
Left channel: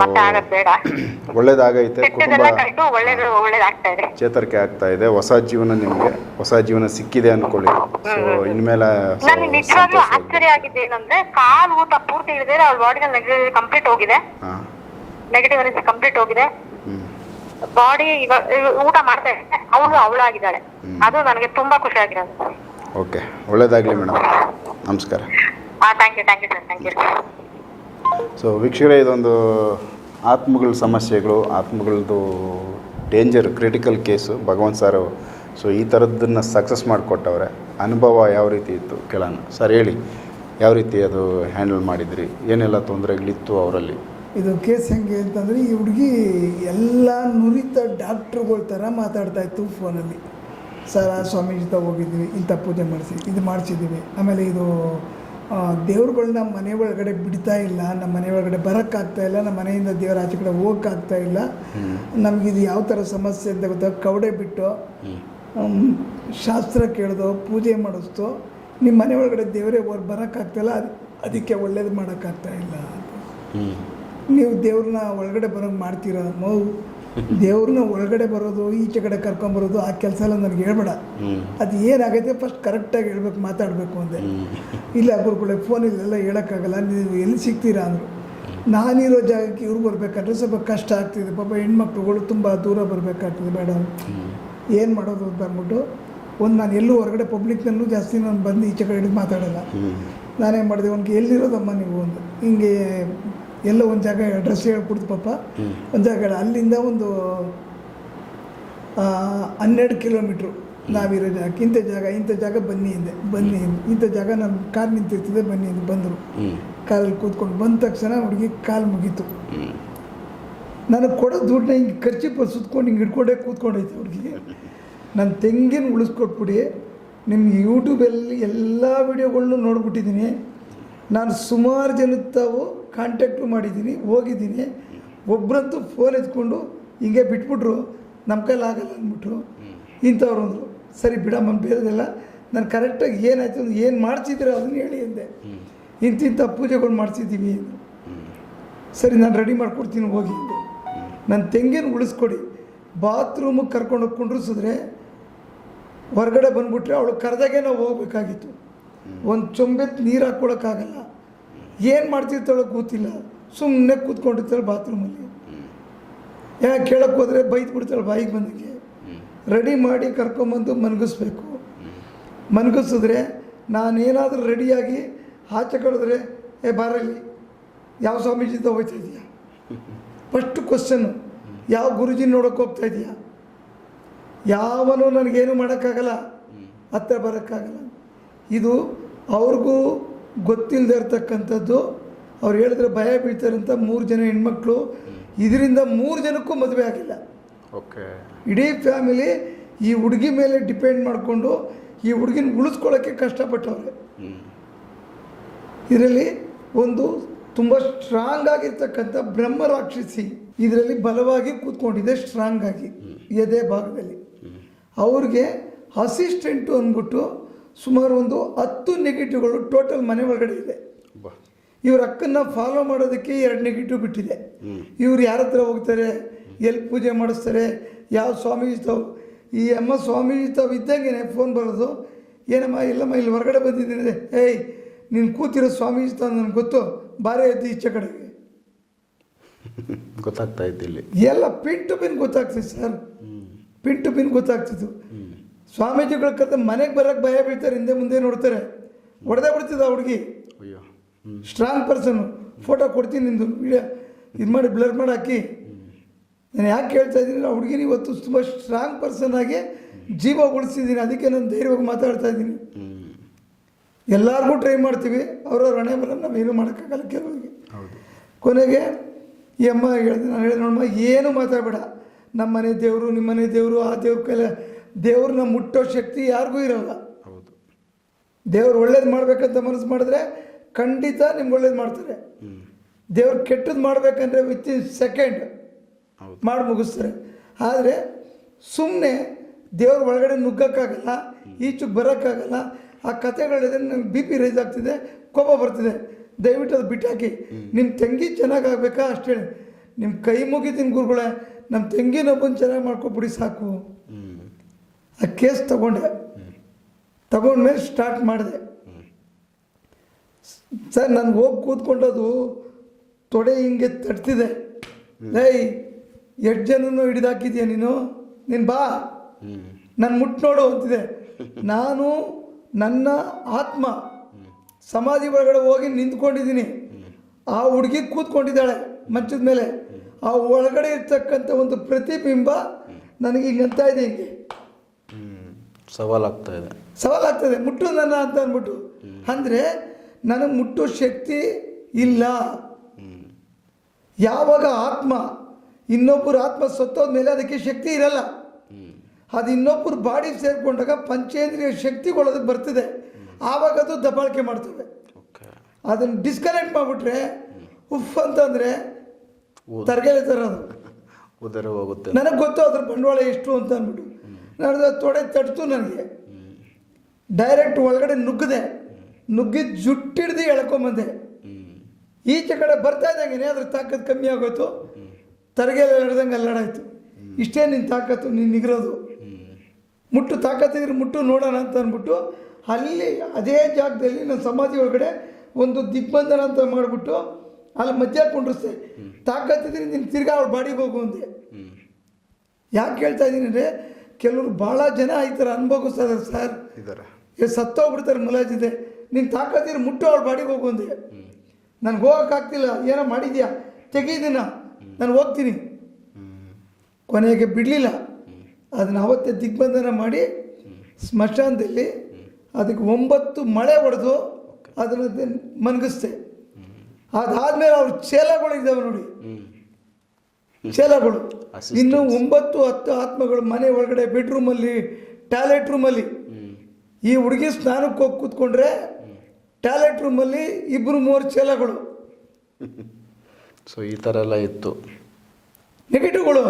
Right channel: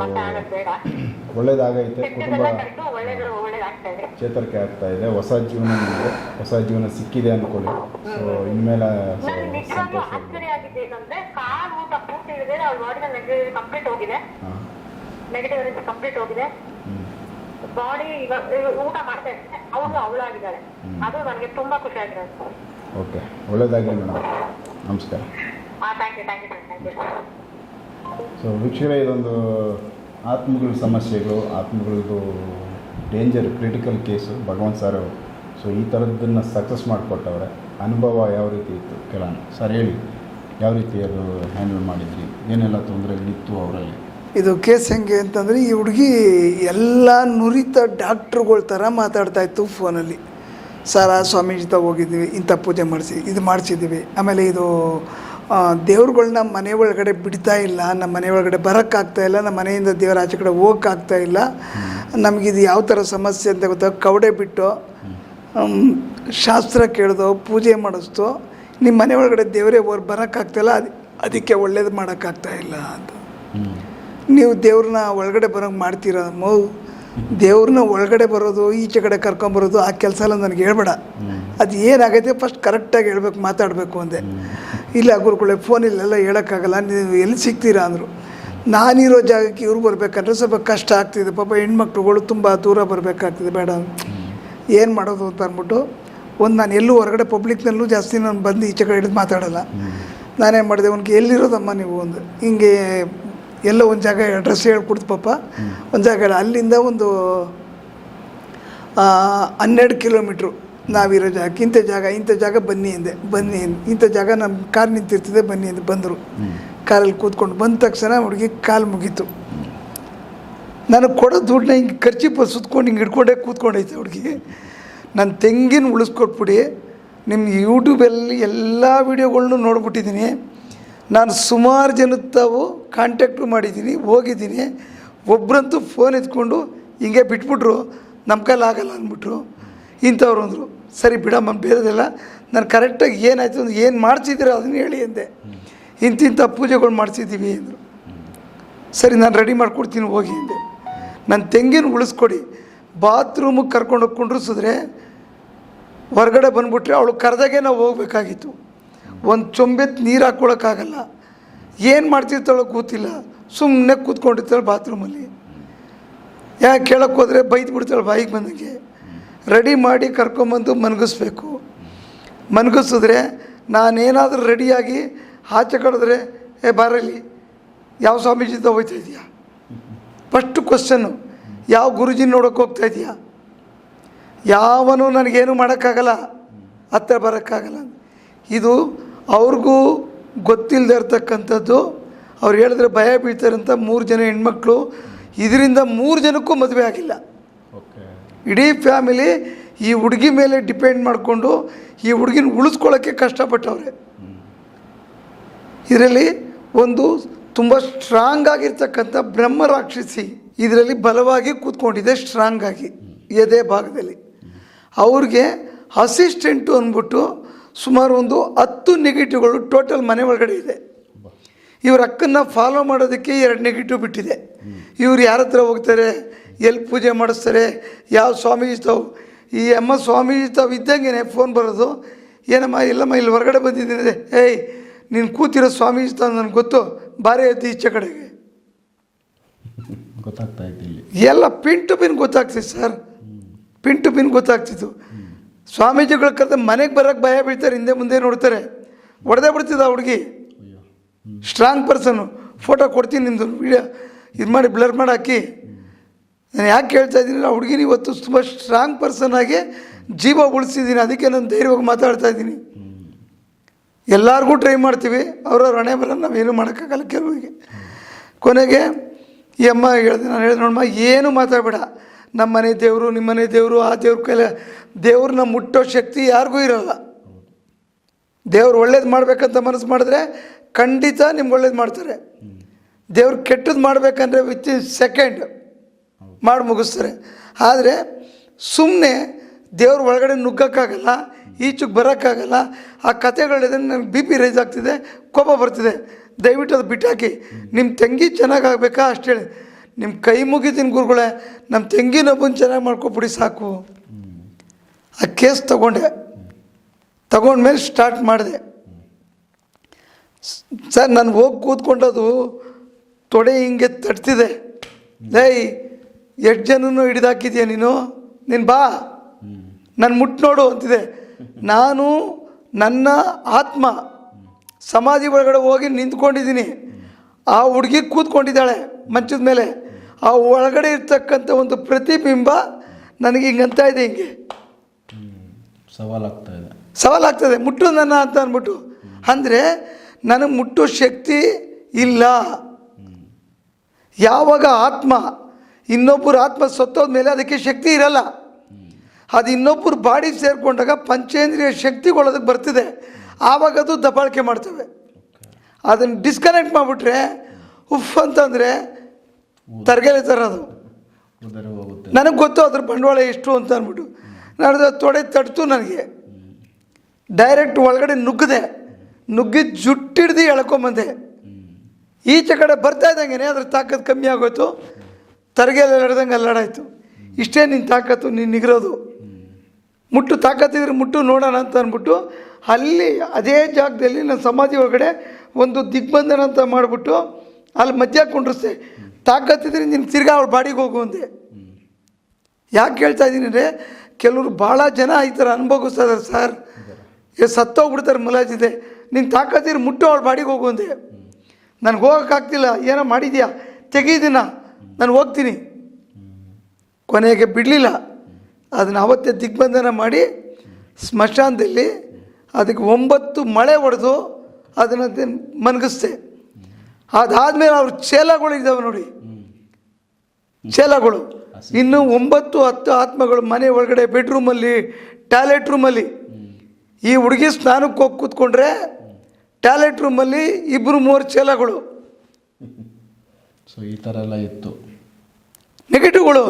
ಮತ್ತೆ ಆಗದ್ ಬೇಡ. (clears throat) ಒಳ್ಳೇದಾಗೈತೆ ಕುಟುಂಬ ಕೆಟ್ಟದೆಲ್ಲ ಒಳ್ಳೇದು ಒಳ್ಳೇದಾಗ್ತಾ ಇದೆ. ಚೇತರಿಕೆ ಆಗ್ತಾ ಇದೆ. ಹೊಸ ಜೀವನ ನಿಮಗೆ ಹೊಸ ಜೀವನ ಸಿಕ್ಕಿದೆ ಅನ್ಕೊಳ್ಳಿ. ಸೊ ಇನ್ಮೇಲೆ ನನಗೆ ನಿಜವಾಗ್ಲೂ ಸಂತೋಷ ಆಶ್ಚರ್ಯ ಆಗಿದೆ ಏನಂದ್ರೆ ಕಾಲು ಊಟ ಪೂರ್ತಿ ಇಳಿದ್ರೆ ಬಾಡಿನಲ್ಲಿ ನೆಗೆಟಿವ್ ಕಂಪ್ಲೀಟ್ ಹೋಗಿದೆ. ಹಾಂ. ನೆಗೆಟಿವ್ ಎನರ್ಜಿ ಕಂಪ್ಲೀಟ್ ಹೋಗಿದೆ. ಬಾಡಿ ಇವಾಗ ಊಟ ಮಾಡ್ತಾ ಇದೆ ಅವಳು ಅವಳಾಗಿದ್ದಾಳೆ. ಅದು ನನಗೆ ತುಂಬಾ ಖುಷಿ ಆಗಿರೋದು. ಓಕೆ ಒಳ್ಳೇದಾಗಲಿ ಮೇಡಮ್. ನಮಸ್ಕಾರ. ಆ thank you thank you sir thank you so ವೀಕ್ಷಕರೇ, ಇದೊಂದು ಆತ್ಮಗಳ ಸಮಸ್ಯೆಗಳು, ಆತ್ಮಗಳದ್ದು danger critical case Bhagavanth sir so ಈ ಥರದ್ದನ್ನು ಸಕ್ಸಸ್ ಮಾಡಿಕೊಟ್ಟವ್ರೆ. ಅನುಭವ ಯಾವ ರೀತಿ ಇತ್ತು? ಕೆಲವನು ಸರ್ ಹೇಳಿ. ಯಾವ ರೀತಿ ಅದು ಹ್ಯಾಂಡಲ್ ಮಾಡಿದ್ರಿ? ಏನೆಲ್ಲ ತೊಂದರೆಗಳಿತ್ತು ಅವರಲ್ಲಿ? ಇದು ಕೇಸ್ ಹೆಂಗೆ ಅಂತಂದರೆ, ಈ ಹುಡುಗಿ ಎಲ್ಲ ನುರಿತ ಡಾಕ್ಟ್ರುಗಳ ಥರ ಮಾತಾಡ್ತಾ ಇತ್ತು ಫೋನಲ್ಲಿ. ಸರ ಸ್ವಾಮೀಜಿ ಹೋಗಿದ್ವಿ, ಇಂಥ ಪೂಜೆ ಮಾಡಿಸಿ, ಇದು ಮಾಡಿಸಿದ್ದೀವಿ. ಆಮೇಲೆ ಇದು ಆ, ದೇವ್ರುಗಳ್ನ ಮನೆ ಒಳಗಡೆ ಬಿಡ್ತಾ ಇಲ್ಲ ನಮ್ಮ ಮನೆ ಒಳಗಡೆ ಬರೋಕ್ಕಾಗ್ತಾ ಇಲ್ಲ ನಮ್ಮ ಮನೆಯಿಂದ ದೇವರ ಆಚೆ ಕಡೆ ಹೋಗೋಕ್ಕಾಗ್ತಾ ಇಲ್ಲ. ನಮಗಿದು ಯಾವ ಥರ ಸಮಸ್ಯೆ ಅಂತ ಗೊತ್ತಾ? ಕವಡೆ ಬಿಟ್ಟು ಶಾಸ್ತ್ರ ಕೇಳ್ದೋ ಪೂಜೆ ಮಾಡಿಸ್ತು ನಿಮ್ಮ ಮನೆ ಒಳಗಡೆ ದೇವರೇ ಹೊರ ಬರೋಕ್ಕಾಗ್ತಾಯಿಲ್ಲ ಅದು ಅದಕ್ಕೆ ಒಳ್ಳೇದು ಮಾಡೋಕ್ಕಾಗ್ತಾ ಇಲ್ಲ ಅಂತ. ನೀವು ದೇವ್ರನ್ನ ಒಳಗಡೆ ಬರೋಂಗೆ ಮಾಡ್ತೀರ ಮೌ ದೇವ್ರನ್ನ ಒಳಗಡೆ ಬರೋದು ಈಚೆ ಕಡೆ ಕರ್ಕೊಂಬರೋದು ಆ ಕೆಲಸ ಎಲ್ಲ ನನಗೆ ಹೇಳ್ಬೇಡ. ಅದು ಏನಾಗೈತೆ ಫಸ್ಟ್ ಕರೆಕ್ಟಾಗಿ ಹೇಳ್ಬೇಕು ಮಾತಾಡಬೇಕು ಅಂದೆ. ಇಲ್ಲ ಗುರುಗಳೇ ಫೋನಿಲ್ಲೆಲ್ಲ ಹೇಳೋಕ್ಕಾಗಲ್ಲ ನೀವು ಎಲ್ಲಿ ಸಿಗ್ತೀರಾ ಅಂದರು. ನಾನಿರೋ ಜಾಗಕ್ಕೆ ಇವ್ರು ಬರಬೇಕಂದ್ರೆ ಸ್ವಲ್ಪ ಕಷ್ಟ ಆಗ್ತಿದೆ. ಪಾಪ ಹೆಣ್ಮಕ್ಳುಗಳು ತುಂಬ ದೂರ ಬರಬೇಕಾಗ್ತಿದೆ ಬೇಡ. ಏನು ಮಾಡೋದು ಅಂತ ಅಂದ್ಬಿಟ್ಟು ಒಂದು ನಾನು ಎಲ್ಲೂ ಹೊರಗಡೆ ಪಬ್ಲಿಕ್ನಲ್ಲೂ ಜಾಸ್ತಿ ನಾನು ಬಂದು ಈಚೆ ಕಡೆ ಹಿಡಿದು ಮಾತಾಡಲ್ಲ. ನಾನೇನು ಮಾಡಿದೆ ಅವ್ನಿಗೆ ಎಲ್ಲಿರೋದಮ್ಮ ನೀವು? ಒಂದು ಹಿಂಗೆ ಎಲ್ಲ ಒಂದು ಜಾಗ ಅಡ್ರೆಸ್ ಹೇಳ್ಕೊಡ್ತು ಪಾಪ. ಒಂದು ಜಾಗ ಅಲ್ಲಿಂದ ಒಂದು ಹನ್ನೆರಡು ಕಿಲೋಮೀಟ್ರು ನಾವಿರೋ ಜಾಗ. ಇಂಥ ಜಾಗ ಇಂಥ ಜಾಗ ಬನ್ನಿ ಅಂದೆ. ಬನ್ನಿ. ಇಂಥ ಜಾಗ ನಮ್ಮ ಕಾರ್ ನಿಂತಿರ್ತದೆ ಬನ್ನಿ ಅಂದೆ. ಬಂದರು. ಕಾರಲ್ಲಿ ಕೂತ್ಕೊಂಡು ಬಂದ ತಕ್ಷಣ ಹುಡುಗಿ ಕಾಲು ಮುಗೀತು. ನನಗೆ ಕೊಡೋ ದುಡ್ಡನ್ನ ಹಿಂಗೆ ಪ ಸುತ್ಕೊಂಡು ಹಿಂಗೆ ಹಿಡ್ಕೊಂಡೇ ಕೂತ್ಕೊಂಡೈತೆ ಹುಡುಗಿ. ನನ್ನ ತೆಂಗಿನ ಉಳಿಸ್ಕೊಟ್ಬಿಡಿ. ನಿಮ್ಮ ಯೂಟ್ಯೂಬಲ್ಲಿ ಎಲ್ಲ ವೀಡಿಯೋಗಳ್ನು ನೋಡ್ಬಿಟ್ಟಿದ್ದೀನಿ ನಾನು ಸುಮಾರು ಜನದ ತಾವು ಕಾಂಟ್ಯಾಕ್ಟು ಮಾಡಿದ್ದೀನಿ, ಹೋಗಿದ್ದೀನಿ. ಒಬ್ಬರಂತೂ ಫೋನ್ ಎತ್ಕೊಂಡು ಹಿಂಗೆ ಬಿಟ್ಬಿಟ್ರು, ನಮ್ಮ ಕೈಲಿ ಆಗಲ್ಲ ಅಂದ್ಬಿಟ್ರು. ಇಂಥವ್ರು ಅಂದರು, ಸರಿ ಬಿಡಮ್ಮ ಬೇರೆದೆಲ್ಲ, ನಾನು ಕರೆಕ್ಟಾಗಿ ಏನಾಯಿತು ಅಂದ್ರೆ ಏನು ಮಾಡ್ಸಿದ್ದೀರ ಅದನ್ನು ಹೇಳಿ ಅಂದೆ. ಇಂತಿಂಥ ಪೂಜೆಗಳು ಮಾಡಿಸಿದ್ದೀವಿ ಅಂದರು. ಸರಿ, ನಾನು ರೆಡಿ ಮಾಡ್ಕೊಡ್ತೀನಿ, ಹೋಗಿ ಅಂದೆ. ನನ್ನ ತೆಂಗಿನ ಉಳಿಸ್ಕೊಡಿ. ಬಾತ್ರೂಮಿಗೆ ಕರ್ಕೊಂಡು ಹೋಗಿ ಕುಂಡ್ರಿಸಿದ್ರೆ ಹೊರಗಡೆ ಬಂದುಬಿಟ್ರೆ ಅವಳು ಕರೆದಾಗೆ ನಾವು ಹೋಗ್ಬೇಕಾಗಿತ್ತು. ಒಂದು ಚೊಂಬೆತ್ ನೀರು ಹಾಕ್ಕೊಳಕ್ಕಾಗಲ್ಲ ಏನು ಮಾಡ್ತಿರ್ತಾಳೋ ಗೊತ್ತಿಲ್ಲ. ಸುಮ್ಮನೆ ಕೂತ್ಕೊಂಡಿರ್ತಾಳೆ ಬಾತ್ರೂಮಲ್ಲಿ ಯಾಕೆ ಕೇಳಕ್ಕೆ ಹೋದರೆ ಬೈದು ಬಿಡ್ತಾಳೆ ಬಾಯಿಗೆ ಬಂದಂಗೆ. ರೆಡಿ ಮಾಡಿ ಕರ್ಕೊಂಬಂದು ಮನಗಿಸ್ಬೇಕು. ಮನಗಿಸಿದ್ರೆ ನಾನೇನಾದರೂ ರೆಡಿಯಾಗಿ ಆಚೆ ಕಡಿದ್ರೆ ಏ ಬರಲಿ ಯಾವ ಸ್ವಾಮೀಜಿಯಿಂದ ಹೋಗ್ತಾ ಇದೆಯಾ? ಫಸ್ಟು ಕ್ವಶನ್ನು ಯಾವ ಗುರುಜಿ ನೋಡೋಕೆ ಹೋಗ್ತಾ ಇದೆಯಾ? ಯಾವನು ನನಗೇನು ಮಾಡೋಕ್ಕಾಗಲ್ಲ. ಹತ್ತಿರ ಬರೋಕ್ಕಾಗಲ್ಲ. ಇದು ಅವ್ರಿಗೂ ಗೊತ್ತಿಲ್ಲದೆ ಇರ್ತಕ್ಕಂಥದ್ದು. ಅವ್ರು ಹೇಳಿದ್ರೆ ಭಯ ಬೀಳ್ತಾರಂತ ಮೂರು ಜನ ಹೆಣ್ಮಕ್ಳು. ಇದರಿಂದ ಮೂರು ಜನಕ್ಕೂ ಮದುವೆ ಆಗಿಲ್ಲ. ಓಕೆ. ಇಡೀ ಫ್ಯಾಮಿಲಿ ಈ ಹುಡುಗಿ ಮೇಲೆ ಡಿಪೆಂಡ್ ಮಾಡಿಕೊಂಡು ಈ ಹುಡುಗಿನ ಉಳಿಸ್ಕೊಳ್ಳೋಕ್ಕೆ ಕಷ್ಟಪಟ್ಟವ್ರೆ. ಇದರಲ್ಲಿ ಒಂದು ತುಂಬ ಸ್ಟ್ರಾಂಗ್ ಆಗಿರ್ತಕ್ಕಂಥ ಬ್ರಹ್ಮ ರಾಕ್ಷಸಿ ಇದರಲ್ಲಿ ಬಲವಾಗಿ ಕೂತ್ಕೊಂಡಿದೆ ಸ್ಟ್ರಾಂಗ್ ಆಗಿ. ಎದೆ ಭಾಗದಲ್ಲಿ. ಅವ್ರಿಗೆ ಅಸಿಸ್ಟೆಂಟು ಅಂದ್ಬಿಟ್ಟು ಸುಮಾರು ಒಂದು ಹತ್ತು ನೆಗೆಟಿವ್ಗಳು ಟೋಟಲ್ ಮನೆ ಒಳಗಡೆ ಇದೆ. ಇವ್ರ ಅಕ್ಕನ್ನ ಫಾಲೋ ಮಾಡೋದಕ್ಕೆ ಎರಡು ನೆಗೆಟಿವ್ ಬಿಟ್ಟಿದೆ. ಇವ್ರು ಯಾರ ಹತ್ರ ಹೋಗ್ತಾರೆ? ಎಲ್ಲಿ ಪೂಜೆ ಮಾಡಿಸ್ತಾರೆ? ಯಾವ ಸ್ವಾಮೀಜಿ ತಾವು? ಈ ಅಮ್ಮ ಸ್ವಾಮೀಜಿ ತಾವು ಇದ್ದಂಗೆ ಫೋನ್ ಬರೋದು. ಏನಮ್ಮ ಇಲ್ಲಮ್ಮ ಇಲ್ಲಿ ಹೊರಗಡೆ ಬಂದಿದ್ದೀನಿ. ಏಯ್ ನೀನು ಕೂತಿರೋ ಸ್ವಾಮೀಜಿ ತಾವು ನನಗೆ ಗೊತ್ತು? ಭಾರಿ ಐತಿ ಈಚೆ ಕಡೆಗೆ. (laughs) ಗೊತ್ತಾಗ್ತಾ ಇದ್ದಿಲ್ಲ. ಇಲ್ಲಿ ಎಲ್ಲ ಪಿನ್ ಟು ಪಿನ್ ಗೊತ್ತಾಗ್ತಿತ್ತು ಸರ್. ಪಿನ್ ಟು ಪಿನ್ ಗೊತ್ತಾಗ್ತಿತ್ತು. ಸ್ವಾಮೀಜಿಗಳ ಕತೆ ಮನೆಗೆ ಬರೋಕ್ಕೆ ಭಯ ಬೀಳ್ತಾರೆ ಹಿಂದೆ ಮುಂದೆ ನೋಡ್ತಾರೆ. ಹೊಡೆದೇ ಬಿಡ್ತಿದ್ದ ಹುಡುಗಿ. ಅಯ್ಯೋ ಸ್ಟ್ರಾಂಗ್ ಪರ್ಸನ್ನು ಫೋಟೋ ಕೊಡ್ತೀನಿ ನಿಮ್ಮದು ವೀಡಿಯೋ ಇದು ಮಾಡಿ ಬ್ಲರ್ ಮಾಡಿ ಹಾಕಿ. ನಾನು ಯಾಕೆ ಹೇಳ್ತಾ ಇದ್ದೀನಿ ಆ ಹುಡುಗಿನ ಇವತ್ತು ತುಂಬ ಸ್ಟ್ರಾಂಗ್ ಪರ್ಸನ್ ಆಗಿ ಜೀವ ಉಳಿಸಿದ್ದೀನಿ ಅದಕ್ಕೆ ನಾನು ಧೈರ್ಯವಾಗಿ ಮಾತಾಡ್ತಾ ಇದ್ದೀನಿ. ಎಲ್ಲರಿಗೂ ಟ್ರೈ ಮಾಡ್ತೀವಿ ಅವ್ರವ್ರ ಹಣೆ ಬರ ನಾವೇನು ಮಾಡೋಕ್ಕಾಗಲ್ಲ ಕೆಲವರಿಗೆ. ಕೊನೆಗೆ ಈ ಅಮ್ಮ ಹೇಳಿದೆ ನಾನು ಹೇಳಿದೆ ನೋಡಮ್ಮ ಏನು ಮಾತಾಡಬೇಡ. ನಮ್ಮ ಮನೆ ದೇವರು ನಿಮ್ಮನೆ ದೇವರು ಆ ದೇವ್ರ ಕೈಲ ದೇವ್ರನ್ನ ಮುಟ್ಟೋ ಶಕ್ತಿ ಯಾರಿಗೂ ಇರಲ್ಲ. ದೇವ್ರು ಒಳ್ಳೇದು ಮಾಡಬೇಕಂತ ಮನಸ್ಸು ಮಾಡಿದ್ರೆ ಖಂಡಿತ ನಿಮ್ಗೆ ಒಳ್ಳೇದು ಮಾಡ್ತಾರೆ. ದೇವ್ರು ಕೆಟ್ಟದ್ದು ಮಾಡಬೇಕಂದ್ರೆ ವಿತ್ ಇನ್ ಸೆಕೆಂಡ್. ಮಾಡಿ ಮುಗಿಸ್ತಾರೆ. ಆದರೆ ಸುಮ್ಮನೆ ದೇವ್ರ ಒಳಗಡೆ ನುಗ್ಗಕ್ಕಾಗಲ್ಲ ಈಚೆಗೆ ಬರೋಕ್ಕಾಗಲ್ಲ ಆ ಕಥೆಗಳಿದೆ ನನಗೆ ಬಿ ಪಿ ರೈಸ್ ಆಗ್ತಿದೆ ಕೋಪ ಬರ್ತಿದೆ. ದಯವಿಟ್ಟು ಅದು ಬಿಟ್ಟಾಕಿ ನಿಮ್ಮ ತಂಗಿ ಚೆನ್ನಾಗಿ ಆಗಬೇಕಾ ಅಷ್ಟು ನಿಮ್ಮ ಕೈ ಮುಗಿತೀನಿ ಗುರುಗಳೇ ನಮ್ಮ ತೆಂಗಿನೊಬ್ಬನ ಚೆನ್ನಾಗಿ ಮಾಡ್ಕೊಬಿಡಿ ಸಾಕು. ಆ ಕೇಸ್ ತಗೊಂಡೆ. ತಗೊಂಡ್ಮೇಲೆ ಸ್ಟಾರ್ಟ್ ಮಾಡಿದೆ. ಸರ್, ನಾನು ಹೋಗಿ ಕೂತ್ಕೊಂಡದು ತೊಡೆ ಹಿಂಗೆ ತಟ್ತಿದೆ. ಲೈ ಎಷ್ಟು ಜನನೂ ಹಿಡಿದಾಕಿದೆಯಾ ನೀನು? ನೀನು ಬಾ. ನಾನು ಮುಟ್ಟು ನೋಡು ಅಂತಿದೆ. ನಾನು ನನ್ನ ಆತ್ಮ ಸಮಾಧಿ ಒಳಗಡೆ ಹೋಗಿ ನಿಂತ್ಕೊಂಡಿದ್ದೀನಿ. ಆ ಹುಡುಗಿ ಕೂತ್ಕೊಂಡಿದ್ದಾಳೆ ಮಂಚದ ಮೇಲೆ. ಆ ಒಳಗಡೆ ಇರ್ತಕ್ಕಂಥ ಒಂದು ಪ್ರತಿಬಿಂಬ ನನಗೆ ಹಿಂಗಂತ ಇದೆ ಹಿಂಗೆ. ಸವಾಲಾಗ್ತಾ ಇದೆ. ಸವಾಲಾಗ್ತದೆ. ಮುಟ್ಟು ನನ್ನ ಅಂತ ಅಂದ್ಬಿಟ್ಟು. ಅಂದರೆ ನನಗೆ ಮುಟ್ಟು ಶಕ್ತಿ ಇಲ್ಲ. ಯಾವಾಗ ಆತ್ಮ ಇನ್ನೊಬ್ಬರ ಆತ್ಮ ಸತ್ತೋದ ಮೇಲೆ ಅದಕ್ಕೆ ಶಕ್ತಿ ಇರಲ್ಲ. ಅದು ಇನ್ನೊಬ್ಬರು ಬಾಡಿ ಸೇರಿಕೊಂಡಾಗ ಪಂಚೇಂದ್ರಿಯ ಶಕ್ತಿಗಳದು ಬರ್ತಿದೆ. ಆವಾಗ ಅದು ದಬ್ಬಾಳಿಕೆ ಮಾಡ್ತವೆ. ಅದನ್ನು ಡಿಸ್ಕನೆಕ್ಟ್ ಮಾಡಿಬಿಟ್ರೆ ಉಫ್ ಅಂತಂದರೆ ತರಗೆಲೆ ತರೋದು ಉದರ ಹೋಗುತ್ತೆ. ನನಗೆ ಗೊತ್ತು ಅದ್ರ ಬಂಡವಾಳ ಎಷ್ಟು ಅಂತ ಅಂದ್ಬಿಟ್ಟು. ನಾನು ತೊಡೆ ತಟ್ತು ನನಗೆ. ಡೈರೆಕ್ಟ್ ಒಳಗಡೆ ನುಗ್ಗದೆ ನುಗ್ಗಿ ಜುಟ್ಟಿಡ್ದು ಎಳ್ಕೊಂಬಂದೆ. ಈಚೆ ಕಡೆ ಬರ್ತಾ ಇದ್ದಂಗೆ ಅದ್ರ ತಾಕತ್ತು ಕಮ್ಮಿ ಆಗೋಯ್ತು. ತರಗೆಲ್ಲ ಎಳ್ದಂಗೆ ಅಲ್ಲಾಡಾಯ್ತು. ಇಷ್ಟೇ ನಿನ್ನ ತಾಕತ್ತು ನೀನು ನಿಗಿರೋದು. ಮುಟ್ಟು ತಾಕತ್ತಿದ್ರೆ ಮುಟ್ಟು ನೋಡೋಣ ಅಂತ ಅಂದ್ಬಿಟ್ಟು ಅಲ್ಲಿ ಅದೇ ಜಾಗದಲ್ಲಿ ನನ್ನ ಸಮಾಧಿ ಒಳಗಡೆ ಒಂದು ದಿಗ್ಬಂಧನ ಅಂತ ಮಾಡಿಬಿಟ್ಟು ಅಲ್ಲಿ ಮಧ್ಯ ಕುಂಡ್ರಿಸ್ದೆ. ತಾಕತ್ತಿದ್ರೆ ನೀನು ತಿರ್ಗಾ ಅವ್ಳು ಬಾಡಿಗೆ ಹೋಗು ಅಂದೆ. ಯಾಕೆ ಹೇಳ್ತಾ ಇದ್ದೀನಿ ಅಂದರೆ ಕೆಲವರು ಭಾಳ ಜನ ಈ ಥರ ಅನುಭವಿಸ್ತಾ ಇದ್ದಾರೆ ಸರ್ ಸತ್ತೋಗ್ಬಿಡ್ತಾರೆ ಮುಲಾಜಿದೆ. ನೀನು ತಾಕತ್ತಿದ್ರೆ ಮುಟ್ಟು ಅವಳ ಬಾಡಿಗೆ ಹೋಗು ಅಂದೆ. ನನಗೆ ಹೋಗೋಕ್ಕಾಗ್ತಿಲ್ಲ ಏನೋ ಮಾಡಿದ್ಯಾ? ತೆಗೀದಿನ. ನಾನು ಹೋಗ್ತೀನಿ. ಕೊನೆಗೆ ಬಿಡಲಿಲ್ಲ. ಅದನ್ನು ಅವತ್ತೇ ದಿಗ್ಬಂಧನ ಮಾಡಿ ಸ್ಮಶಾನದಲ್ಲಿ ಅದಕ್ಕೆ ಒಂಬತ್ತು ಮಳೆ ಹೊಡೆದು ಅದನ್ನು ಮನಗಿಸ್ದೆ. ಅದಾದಮೇಲೆ ಅವ್ರ ಚೇಲಗಳು ಇದ್ದಾವೆ ನೋಡಿ. ಚೇಲಗಳು ಇನ್ನು ಒಂಬತ್ತು ಹತ್ತು ಆತ್ಮಗಳು ಮನೆ ಒಳಗಡೆ ಬೆಡ್ರೂಮಲ್ಲಿ ಟಾಯ್ಲೆಟ್ ರೂಮಲ್ಲಿ ಈ ಹುಡುಗಿ ಸ್ನಾನಕ್ಕೆ ಹೋಗಿ ಕೂತ್ಕೊಂಡ್ರೆ ಟಾಯ್ಲೆಟ್ ರೂಮಲ್ಲಿ ಇಬ್ಬರು ಮೂರು ಚೇಲಗಳು ಸೊ ಈ ಥರ ಎಲ್ಲ ಇತ್ತು. ನೆಗೆಟಿವ್ಗಳು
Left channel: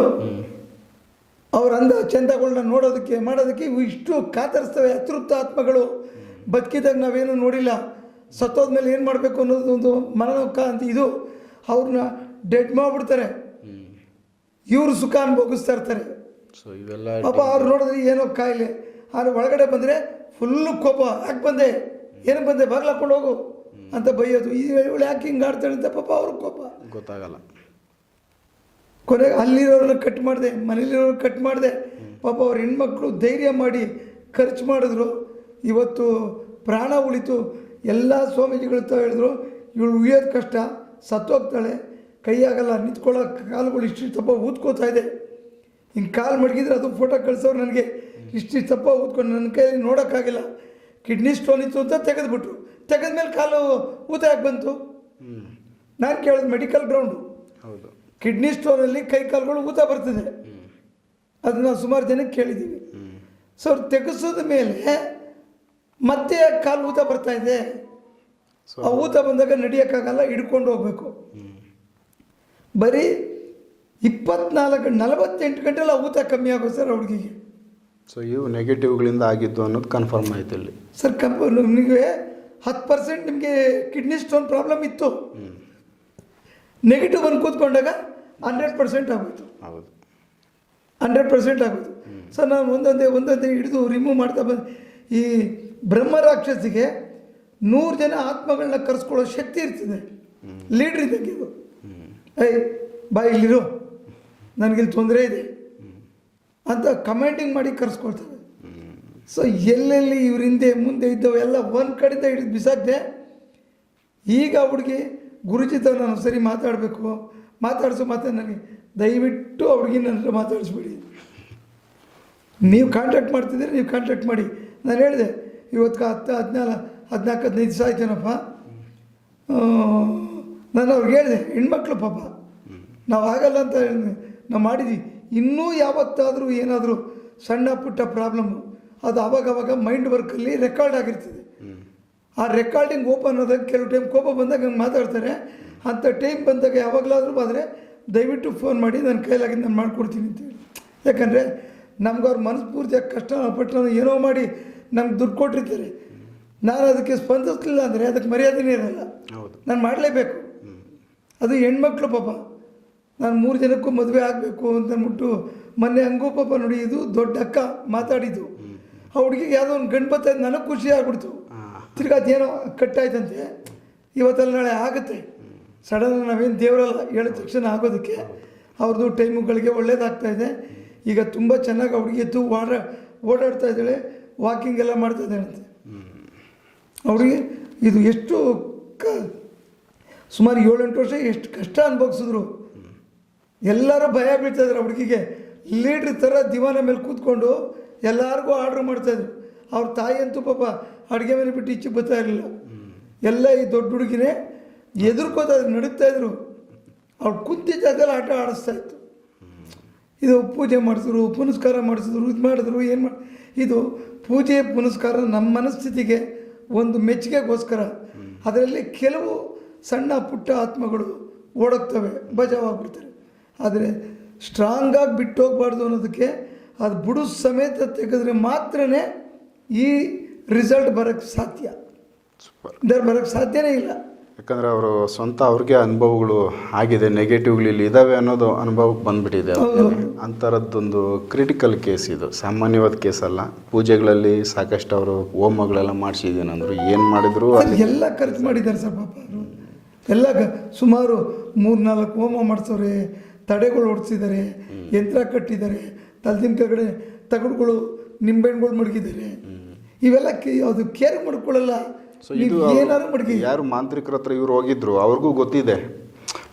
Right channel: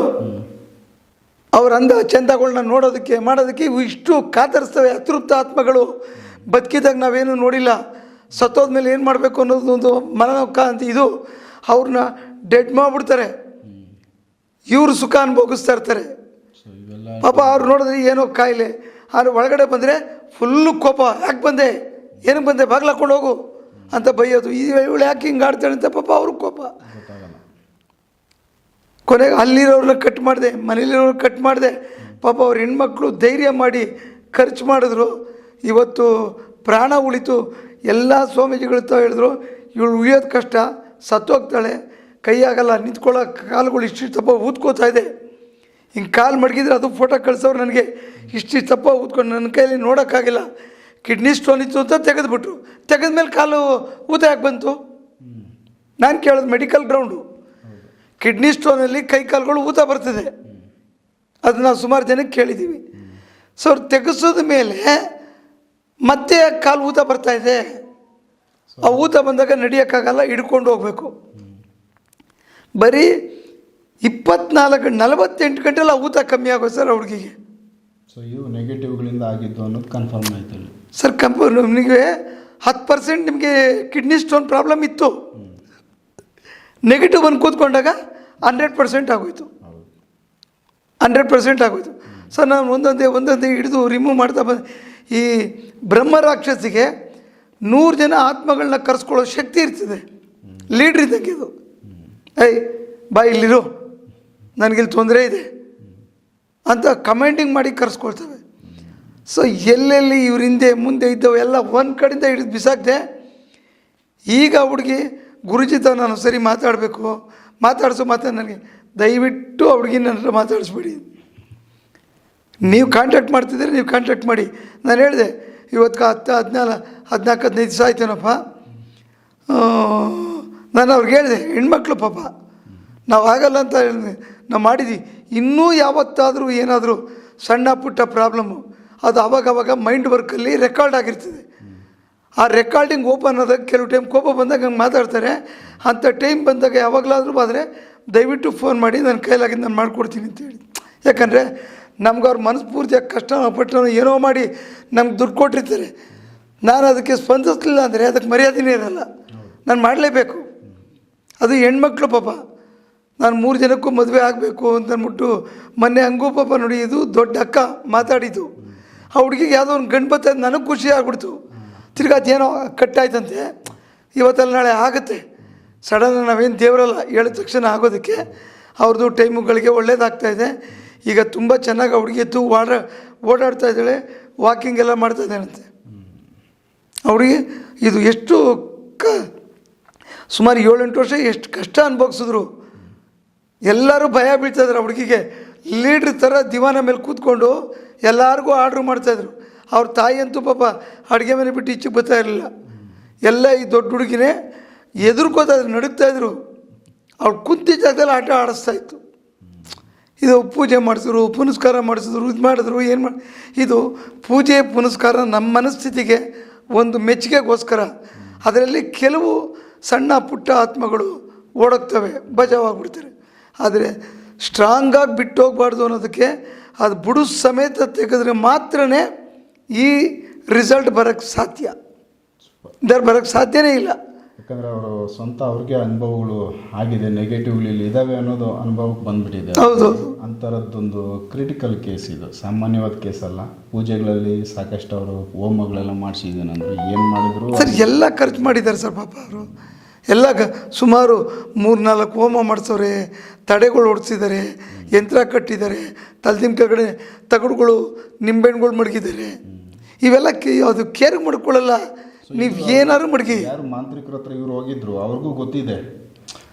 ಅವ್ರ ಅಂದ ಚಂದಗಳನ್ನ ನೋಡೋದಕ್ಕೆ ಮಾಡೋದಕ್ಕೆ ಇವು ಇಷ್ಟು ಕಾತರಿಸ್ತವೆ. ಅತೃಪ್ತ ಆತ್ಮಗಳು. ಬದುಕಿದಾಗ ನಾವೇನು ನೋಡಿಲ್ಲ. ಸತ್ತೋದ್ಮೇಲೆ ಏನು ಮಾಡಬೇಕು ಅನ್ನೋದು ಒಂದು ಮನೋಕ ಅಂತ ಇದು. ಅವ್ರನ್ನ ಡೆಡ್ ಮಾಡಿಬಿಡ್ತಾರೆ. ಇವರು ಸುಖ ಅನುಭೋಗಿಸ್ತಾ ಇರ್ತಾರೆ. ಪಾಪ ಅವ್ರು ನೋಡಿದ್ರೆ ಏನೋ ಕಾಯಿಲೆ. ಆದ್ರೆ ಒಳಗಡೆ ಬಂದರೆ ಫುಲ್ಲು ಕೋಪ. ಯಾಕೆ ಬಂದೆ? ಏನಕ್ಕೆ ಬಂದೆ? ಬಾಗ್ಲು ಹಾಕೊಂಡು ಹೋಗು ಅಂತ ಬೈಯೋದು. ಈ ಇವಳು ಯಾಕೆ ಹಿಂಗೆ ಆಡ್ತಾಳೆ ಅಂತ ಪಾಪ ಅವ್ರ ಕೋಪ. ಗೊತ್ತಾಗಲ್ಲ. ಕೊನೆಗೆ ಅಲ್ಲಿರೋರನ್ನ ಕಟ್ ಮಾಡಿದೆ ಮನೇಲಿರೋರು ಕಟ್ ಮಾಡಿದೆ. ಪಾಪ ಅವ್ರ ಹೆಣ್ಮಕ್ಳು ಧೈರ್ಯ ಮಾಡಿ ಖರ್ಚು ಮಾಡಿದ್ರು. ಇವತ್ತು ಪ್ರಾಣ ಉಳಿತು. ಎಲ್ಲ ಸ್ವಾಮೀಜಿಗಳು ತಾವು ಹೇಳಿದ್ರು ಇವಳು ಉಳಿಯೋದು ಕಷ್ಟ ಸತ್ತೋಗ್ತಾಳೆ ಕೈಯಾಗಲ್ಲ ನಿಂತ್ಕೊಳ್ಳೋ ಕಾಲುಗಳು ಇಷ್ಟಿಷ್ಟಪ್ಪ ಊದ್ಕೋತಾ ಇದೆ. ಹಿಂಗೆ ಕಾಲು ಮಡಗಿದ್ರೆ ಅದು ಫೋಟೋ ಕಳಿಸೋರು ನನಗೆ ಇಷ್ಟಿಷ್ಟಪ್ಪ ಊದ್ಕೊಂಡು ನನ್ನ ಕೈಯಲ್ಲಿ ನೋಡೋಕ್ಕಾಗಿಲ್ಲ. ಕಿಡ್ನಿ ಸ್ಟೋನ್ ಇತ್ತು ಅಂತ ತೆಗೆದ್ಬಿಟ್ರು. ತೆಗೆದ್ಮೇಲೆ ಕಾಲು ಊತ ಯಾಕೆ ಬಂತು? ನಾನು ಕೇಳೋದು ಮೆಡಿಕಲ್ ಗ್ರೌಂಡು ಕಿಡ್ನಿ ಸ್ಟೋನಲ್ಲಿ ಕೈ ಕಾಲುಗಳು ಊತ ಬರ್ತದೆ. ಅದು ನಾವು ಸುಮಾರು ಜನಕ್ಕೆ ಕೇಳಿದ್ದೀವಿ ಸೊ ಅವ್ರು ತೆಗೆಸೋದ ಮೇಲೆ ಮತ್ತೆ ಕಾಲು ಊತ ಬರ್ತಾ ಇದೆ. ಆ ಊತ ಬಂದಾಗ ನಡೆಯೋಕ್ಕಾಗಲ್ಲ ಹಿಡ್ಕೊಂಡು ಹೋಗ್ಬೇಕು. ಬರೀ ಇಪ್ಪತ್ನಾಲ್ಕು ನಲವತ್ತೆಂಟು ಗಂಟೆಲ್ಲ ಊತ ಕಮ್ಮಿ ಆಗೋದು ಸರ್ ಹುಡುಗಿಗೆ. ಸೊ ಇವು ನೆಗೆಟಿವ್ಗಳಿಂದ ಆಗಿದ್ದು ಅನ್ನೋದು ಕನ್ಫರ್ಮ್ ಆಯ್ತು ಇಲ್ಲಿ. ಸರ್ ಕಂಪ ನಿಮಗೆ ಹತ್ತು ಪರ್ಸೆಂಟ್ ನಿಮಗೆ ಕಿಡ್ನಿ ಸ್ಟೋನ್ ಪ್ರಾಬ್ಲಮ್ ಇತ್ತು. ನೆಗೆಟಿವ್ ಬಂದು ಕೂತ್ಕೊಂಡಾಗ ಹಂಡ್ರೆಡ್ ಪರ್ಸೆಂಟ್ ಆಗೋಯ್ತು. ಹಂಡ್ರೆಡ್ ಪರ್ಸೆಂಟ್ ಆಗೋಯ್ತು. ಸರ್ ನಾನು ಒಂದೊಂದೇ ಒಂದೊಂದೇ ಹಿಡಿದು ರಿಮೂವ್ ಮಾಡ್ತಾ ಬಂದು. ಈ ಬ್ರಹ್ಮ ರಾಕ್ಷಸಿಗೆ ನೂರು ಜನ ಆತ್ಮಗಳನ್ನ ಕರೆಸ್ಕೊಳ್ಳೋ ಶಕ್ತಿ ಇರ್ತದೆ. ಲೀಡ್ರ್ ಇದ್ದಂಗೆ ಇದು. ಏಯ್, ಬಾ ಇಲ್ಲಿರು. ನನಗಿಲ್ಲಿ ತೊಂದರೆ ಇದೆ. ಅಂತ ಕಮೆಂಟಿಂಗ್ ಮಾಡಿ ಕರೆಸ್ಕೊಳ್ತವೆ ಸೊ ಎಲ್ಲೆಲ್ಲಿ ಇವ್ರ ಹಿಂದೆ ಮುಂದೆ ಇದ್ದವು, ಎಲ್ಲ ಒಂದು ಕಡೆಯಿಂದ ಹಿಡಿದು ಬಿಸಾಕ್ದೆ, ಈಗ ಹುಡುಗಿ ಗುರುಜಿ ತ ನಾನು ಸರಿ ಮಾತಾಡಬೇಕು. ಮಾತಾಡಿಸೋ ಮಾತಾಡಿ, ನನಗೆ ದಯವಿಟ್ಟು ಆ ಹುಡುಗಿ ನನ್ನ ಮಾತಾಡಿಸ್ಬೇಡಿ. ನೀವು ಕಾಂಟ್ಯಾಕ್ಟ್ ಮಾಡ್ತಿದ್ದೀರಿ, ನೀವು ಕಾಂಟ್ಯಾಕ್ಟ್ ಮಾಡಿ. ನಾನು ಹೇಳಿದೆ ಇವತ್ತು ಹತ್ತು ಹದಿನಾಲ್ಕು ಹದಿನಾಲ್ಕು, ಹದಿನೈದು ದಿವಸ ಆಯ್ತೇನಪ್ಪ? ನಾನು ಅವ್ರಿಗೆ ಹೇಳಿದೆ, ಹೆಣ್ಮಕ್ಳು ಪಾಪ, ನಾವು ಆಗಲ್ಲ ಅಂತ ಹೇಳಿದೆ ನಾವು ಮಾಡಿದ್ವಿ. ಇನ್ನೂ ಯಾವತ್ತಾದರೂ ಏನಾದರೂ ಸಣ್ಣ ಪುಟ್ಟ ಪ್ರಾಬ್ಲಮ್ಮು ಅದು ಅವಾಗವಾಗ ಮೈಂಡ್ ವರ್ಕಲ್ಲಿ ರೆಕಾರ್ಡ್ ಆಗಿರ್ತದೆ. ಆ ರೆಕಾರ್ಡಿಂಗ್ ಓಪನ್ ಆದಾಗ ಕೆಲವು ಟೈಮ್ ಕೋಪ ಬಂದಾಗ ಹಂಗೆ ಮಾತಾಡ್ತಾರೆ. ಅಂಥ ಟೈಮ್ ಬಂದಾಗ ಯಾವಾಗಲಾದರೂ ಆದರೆ ದಯವಿಟ್ಟು ಫೋನ್ ಮಾಡಿ, ನನ್ನ ಕೈಲಾಗಿ ನಾನು ಮಾಡ್ಕೊಡ್ತೀನಿ ಅಂತ ಹೇಳಿ. ಯಾಕಂದರೆ ನಮ್ಗೆ ಅವ್ರ ಮನಸ್ಫೂರ್ತಿಯಾಗಿ ಕಷ್ಟ ಪಟ್ಟನೋ ಏನೋ ಮಾಡಿ ನಮ್ಗೆ ದುಡ್ಡು ಕೊಟ್ಟಿರ್ತಾರೆ. ನಾನು ಅದಕ್ಕೆ ಸ್ಪಂದಿಸಲಿಲ್ಲ ಅಂದರೆ ಅದಕ್ಕೆ ಮರ್ಯಾದೆನೇ ಇರಲ್ಲ. ನಾನು ಮಾಡಲೇಬೇಕು. ಅದು ಹೆಣ್ಮಕ್ಳು ಪಾಪ. ನಾನು ಮೂರು ಜನಕ್ಕೂ ಮದುವೆ ಆಗಬೇಕು ಅಂತ ಅಂದ್ಬಿಟ್ಟು ಮೊನ್ನೆ ಹಂಗೂ ಪಾಪ ನೋಡಿ ಇದು ದೊಡ್ಡ ಅಕ್ಕ ಮಾತಾಡಿದ್ದು. ಆ ಹುಡುಗಿಗೆ ಯಾವುದೋ ಒಂದು ಗಂಡು ಬತ್ತ ನನಗೆ ಖುಷಿ ಆಗ್ಬಿಡ್ತು. ತಿರ್ಗಾ ಅದೇನೋ ಕಟ್ಟಾಯ್ತಂತೆ. ಇವತ್ತಲ್ಲಿ ನಾಳೆ ಆಗುತ್ತೆ. ಸಡನ್ ನಾವೇನು ದೇವರಲ್ಲ ಹೇಳಿದ ತಕ್ಷಣ ಆಗೋದಕ್ಕೆ. ಅವ್ರದ್ದು ಟೈಮುಗಳಿಗೆ ಒಳ್ಳೇದಾಗ್ತಾ ಇದೆ. ಈಗ ತುಂಬ ಚೆನ್ನಾಗಿ ಹುಡುಗಿತ್ತು ಹುಡುಗಿ ವಾಡ ಓಡ ಓಡಾಡ್ತಾ ಇದ್ದಾಳೆ ವಾಕಿಂಗ್ ಎಲ್ಲ ಮಾಡ್ತಾ ಇದ್ದಾಳಂತೆ ಅವರಿಗೆ ಇದು ಎಷ್ಟು ಕ, ಸುಮಾರು ಏಳೆಂಟು ವರ್ಷ ಎಷ್ಟು ಕಷ್ಟ ಅನುಭವಿಸಿದ್ರು. ಎಲ್ಲರೂ ಭಯ ಬೀಳ್ತಾಯಿದ್ರು ಇದ್ರು ಹುಡುಗಿಗೆ. ಲೀಡ್ರ್ ಥರ ದಿವಾನ ಮೇಲೆ ಕೂತ್ಕೊಂಡು ಎಲ್ಲರಿಗೂ ಆರ್ಡ್ರ್ ಮಾಡ್ತಾಯಿದ್ರು ಅವ್ರ ತಾಯಿ ಅಂತೂ ಪಾಪ ಅಡುಗೆ ಮನೆ ಬಿಟ್ಟು ಈಚೆಗೆ ಬರ್ತಾ ಇರಲಿಲ್ಲ. ಎಲ್ಲ ಈ ದೊಡ್ಡ ಹುಡುಗಿನೇ ಎದುರ್ಕೋತಾ ಇದ್ರು ನಡುಗ್ತಾಯಿದ್ರು ಅವ್ಳು ಕುಂತಿದ್ದ ಜಾಗದಲ್ಲಿ ಆಟ ಆಡಿಸ್ತಾ ಇತ್ತು. ಇದು ಪೂಜೆ ಮಾಡಿಸಿದ್ರು ಪುನಸ್ಕಾರ ಮಾಡಿಸಿದ್ರು ಇದು ಮಾಡಿದ್ರು ಏನು ಮಾಡಿ ಇದು ಪೂಜೆ ಪುನಸ್ಕಾರ ನಮ್ಮ ಮನಸ್ಥಿತಿಗೆ ಒಂದು ಮೆಚ್ಚುಗೆಗೋಸ್ಕರ. ಅದರಲ್ಲಿ ಕೆಲವು ಸಣ್ಣ ಪುಟ್ಟ ಆತ್ಮಗಳು ಓಡೋಗ್ತವೆ ಬಜಾವಾಗ್ಬಿಡ್ತಾರೆ ಆದರೆ ಸ್ಟ್ರಾಂಗಾಗಿ ಬಿಟ್ಟು ಹೋಗ್ಬಾರ್ದು ಅನ್ನೋದಕ್ಕೆ ಅದು ಬುಡು ಸಮೇತ ತೆಗೆದ್ರೆ ಮಾತ್ರನೇ ಈ ರಿಸಲ್ಟ್ ಬರೋಕ್ಕೆ ಸಾಧ್ಯ. ಸೂಪರ್ ಬರೋಕ್ಕೆ ಸಾಧ್ಯನೇ ಇಲ್ಲ. ಯಾಕಂದರೆ ಅವರು ಸ್ವಂತ ಅವ್ರಿಗೆ ಅನುಭವಗಳು ಆಗಿದೆ ನೆಗೆಟಿವ್ಗಳು ಇಲ್ಲಿ ಇದ್ದಾವೆ ಅನ್ನೋದು ಅನುಭವಕ್ಕೆ ಬಂದ್ಬಿಟ್ಟಿದೆ ಹೌದು. ಅಂಥರದ್ದೊಂದು ಕ್ರಿಟಿಕಲ್ ಕೇಸ್ ಇದು. ಸಾಮಾನ್ಯವಾದ ಕೇಸ್ ಅಲ್ಲ. ಪೂಜೆಗಳಲ್ಲಿ ಸಾಕಷ್ಟು ಅವರು ಹೋಮಗಳೆಲ್ಲ ಮಾಡಿಸಿದ್ದೀನಿ ಅಂದರು. ಏನು ಮಾಡಿದ್ರು? ಸರ್ ಎಲ್ಲ ಖರ್ಚು ಮಾಡಿದ್ದಾರೆ ಸರ್ ಪಾಪ ಅವರು. ಎಲ್ಲ ಸುಮಾರು ಮೂರು ನಾಲ್ಕು ಹೋಮ ಮಾಡಿಸೋರೆ ತಡೆಗಳು ಓಡಿಸಿದ್ದಾರೆ ಯಂತ್ರ ಕಟ್ಟಿದ್ದಾರೆ ತಲೆದಿಮ್ ಕೆಳಗಡೆ ತಗಡುಗಳು ನಿಂಬೆಹಣ್ಣುಗಳು ಮಡಗಿದ್ದಾರೆ. ಇವೆಲ್ಲ ಕೇ ಅದು ಕೇರ್ ಮಾಡ್ಕೊಳ್ಳಲ್ಲ. ನೀವು ಏನಾದ್ರು ಮಡಗಿ ಯಾರು ಮಾಂತ್ರಿಕರ ಹತ್ರ ಇವ್ರು ಹೋಗಿದ್ರು ಅವ್ರಿಗೂ ಗೊತ್ತಿದೆ.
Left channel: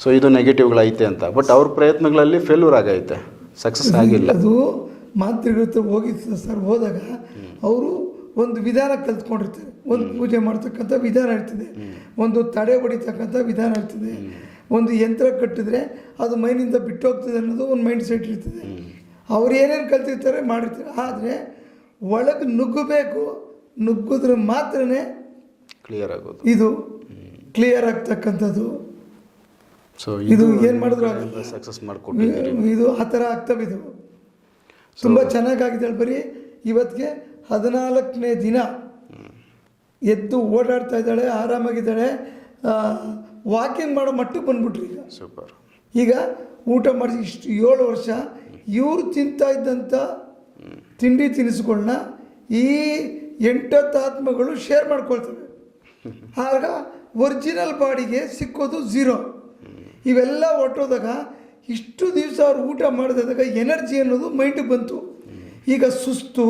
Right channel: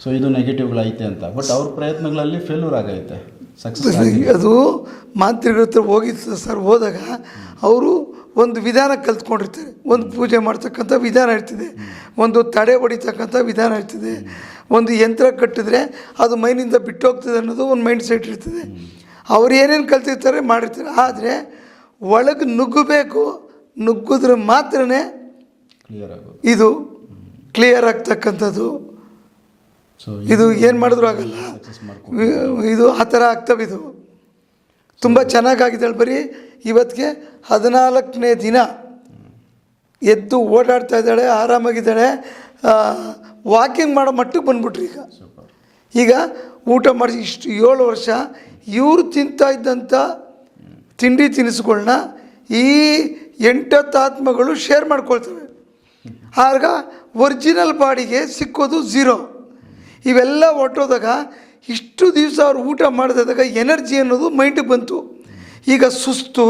ಸೊ ಇದು ನೆಗೆಟಿವ್ಗಳೈತೆ ಅಂತ. ಬಟ್ ಅವ್ರ ಪ್ರಯತ್ನಗಳಲ್ಲಿ ಫೇಲ್ಯೂರ್ ಆಗೈತೆ. ಸಕ್ಸಸ್ (laughs) ಆಗಿಲ್ಲ. ಅದು ಮಾಂತ್ರಿಗಳ ಹತ್ರ ಹೋಗಿ ಸರ್ ಹೋದಾಗ ಅವರು ಒಂದು ವಿಧಾನ ಕಲ್ತ್ಕೊಂಡಿರ್ತಾರೆ. ಒಂದು ಪೂಜೆ ಮಾಡ್ತಕ್ಕಂಥ ವಿಧಾನ ಇರ್ತದೆ. ಒಂದು ತಡೆ ಹೊಡಿತಕ್ಕಂಥ ವಿಧಾನ ಇರ್ತದೆ. ಒಂದು ಯಂತ್ರ ಕಟ್ಟಿದ್ರೆ ಅದು ಮೈನಿಂದ ಬಿಟ್ಟು ಹೋಗ್ತದೆ ಅನ್ನೋದು ಒಂದು ಮೈಂಡ್ ಸೆಟ್ ಇರ್ತದೆ. ಅವ್ರು ಏನೇನು ಕಲ್ತಿರ್ತಾರೆ ಮಾಡಿರ್ತಾರೆ. ಆದರೆ ಒಳಗೆ ನುಗ್ಗಬೇಕು ನುಗ್ಗಿದ್ರೆ ಮಾತ್ರನೇ ಕ್ಲಿಯರ್ ಆಗೋದು. ಇದು ಕ್ಲಿಯರ್ ಆಗ್ತಕ್ಕಂಥದ್ದು. ಸೊ ಇದು ಏನು ಮಾಡಿದ್ರು ಆಗಲ್ಲ ಸಕ್ಸಸ್ ಮಾಡ್ಕೊಂಡು ಇದು ಆ ಥರ ಆಗ್ತವೆ ಇದು. ತುಂಬ ಚೆನ್ನಾಗಾಗಿದ್ದಾಳೆ ಬರೀ ಇವತ್ತಿಗೆ ಹದಿನಾಲ್ಕನೇ ದಿನ ಎದ್ದು ಓಡಾಡ್ತಾ ಇದ್ದಾಳೆ ಆರಾಮಾಗಿದ್ದಾಳೆ. ವಾಕಿಂಗ್ ಮಾಡೋ ಮಟ್ಟಕ್ಕೆ ಬಂದ್ಬಿಟ್ರಿ ಈಗ. ಸೂಪರ್ ಈಗ ಊಟ ಮಾಡಿ ಇಷ್ಟು ಏಳು ವರ್ಷ ಇವರು ತಿಂತಾ ಇದ್ದಂಥ ತಿಂಡಿ ತಿನಿಸುಗಳನ್ನ ಈ ಎಂಟತ್ತು ಆತ್ಮಗಳು ಶೇರ್ ಮಾಡ್ಕೊಳ್ತವೆ. ಆಗ ಒರಿಜಿನಲ್ ಬಾಡಿಗೆ ಸಿಕ್ಕೋದು ಝೀರೋ. ಇವೆಲ್ಲ ಹೊಟ್ಟೋದಾಗ ಇಷ್ಟು ದಿವಸ ಅವ್ರು ಊಟ ಮಾಡಿದಾಗ ಎನರ್ಜಿ ಅನ್ನೋದು ಮೈಂಡಿಗೆ ಬಂತು. ಈಗ ಸುಸ್ತು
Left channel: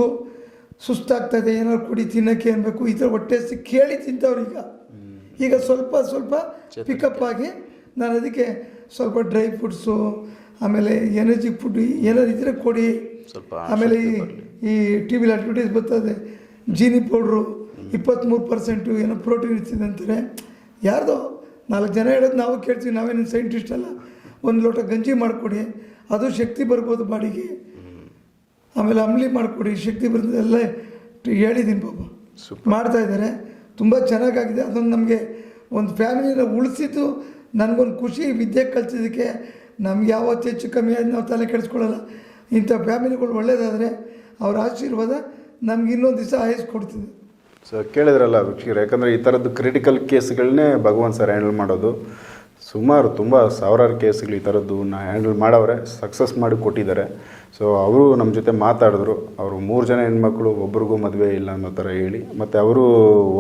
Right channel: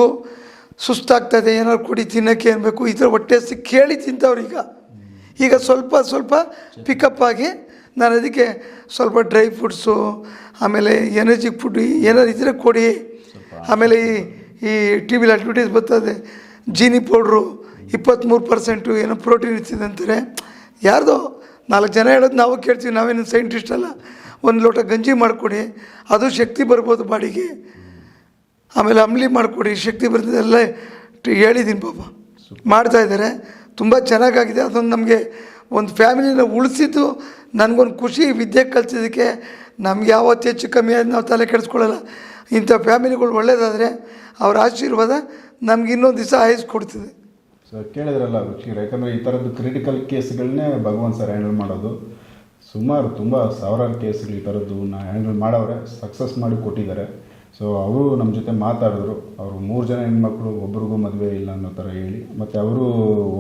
ಸುಸ್ತಾಗ್ತದೆ ಏನಾದ್ರು ಕುಡಿ ತಿನ್ನೋಕ್ಕೆ ಅನ್ಬೇಕು ಈ ಥರ ಹೊಟ್ಟೆ ಹಸಿ ಕೇಳಿ ತಿಂತವ್ರು ಈಗ. ಈಗ ಸ್ವಲ್ಪ ಸ್ವಲ್ಪ ಪಿಕಪ್ ಆಗಿ ನಾನು ಅದಕ್ಕೆ ಸ್ವಲ್ಪ ಡ್ರೈ ಫ್ರೂಟ್ಸು ಆಮೇಲೆ ಎನರ್ಜಿ ಫುಡ್ ಏನಾದ್ರು ಇದ್ದರೆ ಕೊಡಿ. ಆಮೇಲೆ ಈ ಈ ಟಿ ವಿಲಿ ಅಡ್ವರ್ಟೈಸ್ ಬರ್ತದೆ ಜೀನಿ ಪೌಡ್ರು. ಇಪ್ಪತ್ತ್ಮೂರು ಪರ್ಸೆಂಟು ಏನೋ ಪ್ರೋಟೀನ್ ಇರ್ತಿದೆ ಅಂತಾರೆ. ಯಾರ್ದೋ ನಾಲ್ಕು ಜನ ಹೇಳೋದು ನಾವು ಕೇಳ್ತೀವಿ ನಾವೇನು ಸೈಂಟಿಸ್ಟ್ ಅಲ್ಲ. ಒಂದು ಲೋಟ ಗಂಜಿ ಮಾಡಿಕೊಡಿ ಅದು ಶಕ್ತಿ ಬರ್ಬೋದು ಬಾಡಿಗೆ. ಆಮೇಲೆ ಅಂಬ್ಲಿ ಮಾಡಿಕೊಡಿ ಶಕ್ತಿ ಬರ್ತದೆಲ್ಲ ಹೇಳಿದ್ದೀನಿ ಪಾಪ. ಮಾಡ್ತಾ ಇದ್ದಾರೆ. ತುಂಬ ಚೆನ್ನಾಗಾಗಿದೆ. ಅದೊಂದು ನಮಗೆ ಒಂದು ಫ್ಯಾಮಿಲಿನ ಉಳಿಸಿದ್ದು ನನಗೊಂದು ಖುಷಿ ವಿದ್ಯೆ ಕಲಿಸಿದ್ದಕ್ಕೆ ನಮ್ಗೆ ಯಾವತ್ತು ಹೆಚ್ಚು ಕಮ್ಮಿ ಆದ ನಾವು ತಲೆ ಕೆಡಿಸ್ಕೊಳ್ಳಲ್ಲ. ಇಂಥ ಫ್ಯಾಮಿಲಿಗಳು ಒಳ್ಳೆಯದಾದರೆ ಅವ್ರ ಆಶೀರ್ವಾದ ನಮ್ಗೆ ಇನ್ನೊಂದು ದಿವಸ ಆಯಸ್ಕೊಡ್ತಿದೆ ಸೊ ಕೇಳಿದ್ರಲ್ಲ ವೀಕ್ಷಕರು, ಯಾಕಂದರೆ ಈ ಥರದ್ದು ಕ್ರಿಟಿಕಲ್ ಕೇಸ್ಗಳನ್ನೇ ಭಗವಾನ್ ಸರ್ ಹ್ಯಾಂಡಲ್ ಮಾಡೋದು. ಸುಮಾರು ತುಂಬ ಸಾವಿರಾರು ಕೇಸ್ಗಳು ಈ ಥರದ್ದು ನಾ ಹ್ಯಾಂಡಲ್ ಮಾಡವ್ರೆ ಸಕ್ಸಸ್ ಮಾಡಿ ಕೊಟ್ಟಿದ್ದಾರೆ. ಸೊ ಅವರು ನಮ್ಮ ಜೊತೆ ಮಾತಾಡಿದ್ರು. ಅವರು ಮೂರು ಜನ ಹೆಣ್ಮಕ್ಳು, ಒಬ್ರಿಗೂ ಮದುವೆ ಇಲ್ಲ ಅನ್ನೋ ಥರ ಹೇಳಿ. ಮತ್ತು ಅವರು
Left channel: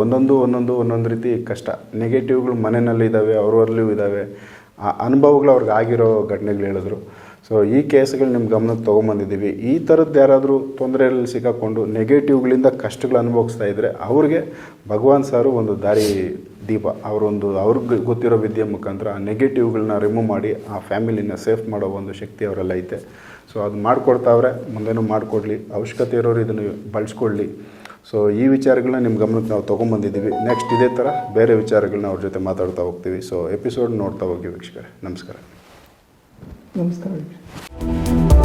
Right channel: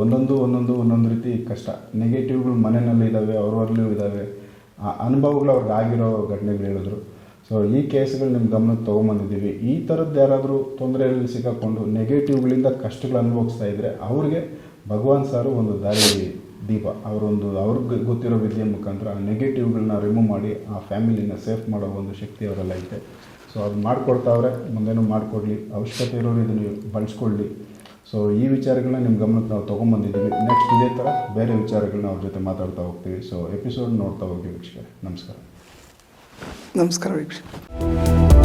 ಒಂದೊಂದು ಒಂದೊಂದು ಒಂದೊಂದು ರೀತಿ ಕಷ್ಟ ನೆಗೆಟಿವ್ಗಳು ಮನೆಯಲ್ಲಿ ಇದ್ದಾವೆ ಅವರಲ್ಲಿಯೂ ಇದ್ದಾವೆ ಆ ಅನುಭವಗಳು ಅವ್ರಿಗೆ ಆಗಿರೋ ಘಟನೆಗಳು ಹೇಳಿದ್ರು. ಸೊ ಈ ಕೇಸ್ಗಳು ನಿಮ್ಮ ಗಮನಕ್ಕೆ ತೊಗೊಂಬಂದಿದ್ದೀವಿ. ಈ ಥರದ್ದು ಯಾರಾದರೂ ತೊಂದರೆಯಲ್ಲಿ ಸಿಕ್ಕಾಕೊಂಡು ನೆಗೆಟಿವ್ಗಳಿಂದ ಕಷ್ಟಗಳು ಅನುಭವಿಸ್ತಾ ಇದ್ದರೆ ಅವ್ರಿಗೆ ಭಗವಾನ್ ಸಾರು ಒಂದು ದಾರಿ ದೀಪ. ಅವರೊಂದು ಅವ್ರಿಗೆ ಗೊತ್ತಿರೋ ವಿದ್ಯೆ ಮುಖಾಂತರ ಆ ನೆಗೆಟಿವ್ಗಳನ್ನ ರಿಮೂವ್ ಮಾಡಿ ಆ ಫ್ಯಾಮಿಲಿನ ಸೇಫ್ ಮಾಡೋ ಒಂದು ಶಕ್ತಿ ಅವರೆಲ್ಲ ಐತೆ. ಸೊ ಅದು ಮಾಡಿಕೊಡ್ತಾವ್ರೆ ಮುಂದೇನು ಮಾಡಿಕೊಡ್ಲಿ. ಅವಶ್ಯಕತೆ ಇರೋರು ಇದನ್ನು ಬಳಸ್ಕೊಳ್ಳಿ. ಸೊ ಈ ವಿಚಾರಗಳನ್ನ ನಿಮ್ಮ ಗಮನಕ್ಕೆ ನಾವು ತೊಗೊಂಬಂದಿದ್ದೀವಿ. ನೆಕ್ಸ್ಟ್ ಇದೇ ಥರ ಬೇರೆ ವಿಚಾರಗಳನ್ನ ಅವ್ರ ಜೊತೆ ಮಾತಾಡ್ತಾ ಹೋಗ್ತೀವಿ. ಸೊ ಎಪಿಸೋಡ್ ನೋಡ್ತಾ ಹೋಗಿ ವೀಕ್ಷಕರೇ. ನಮಸ್ಕಾರ. ನಮಸ್ಕಾರ ವೀಕ್ಷಕ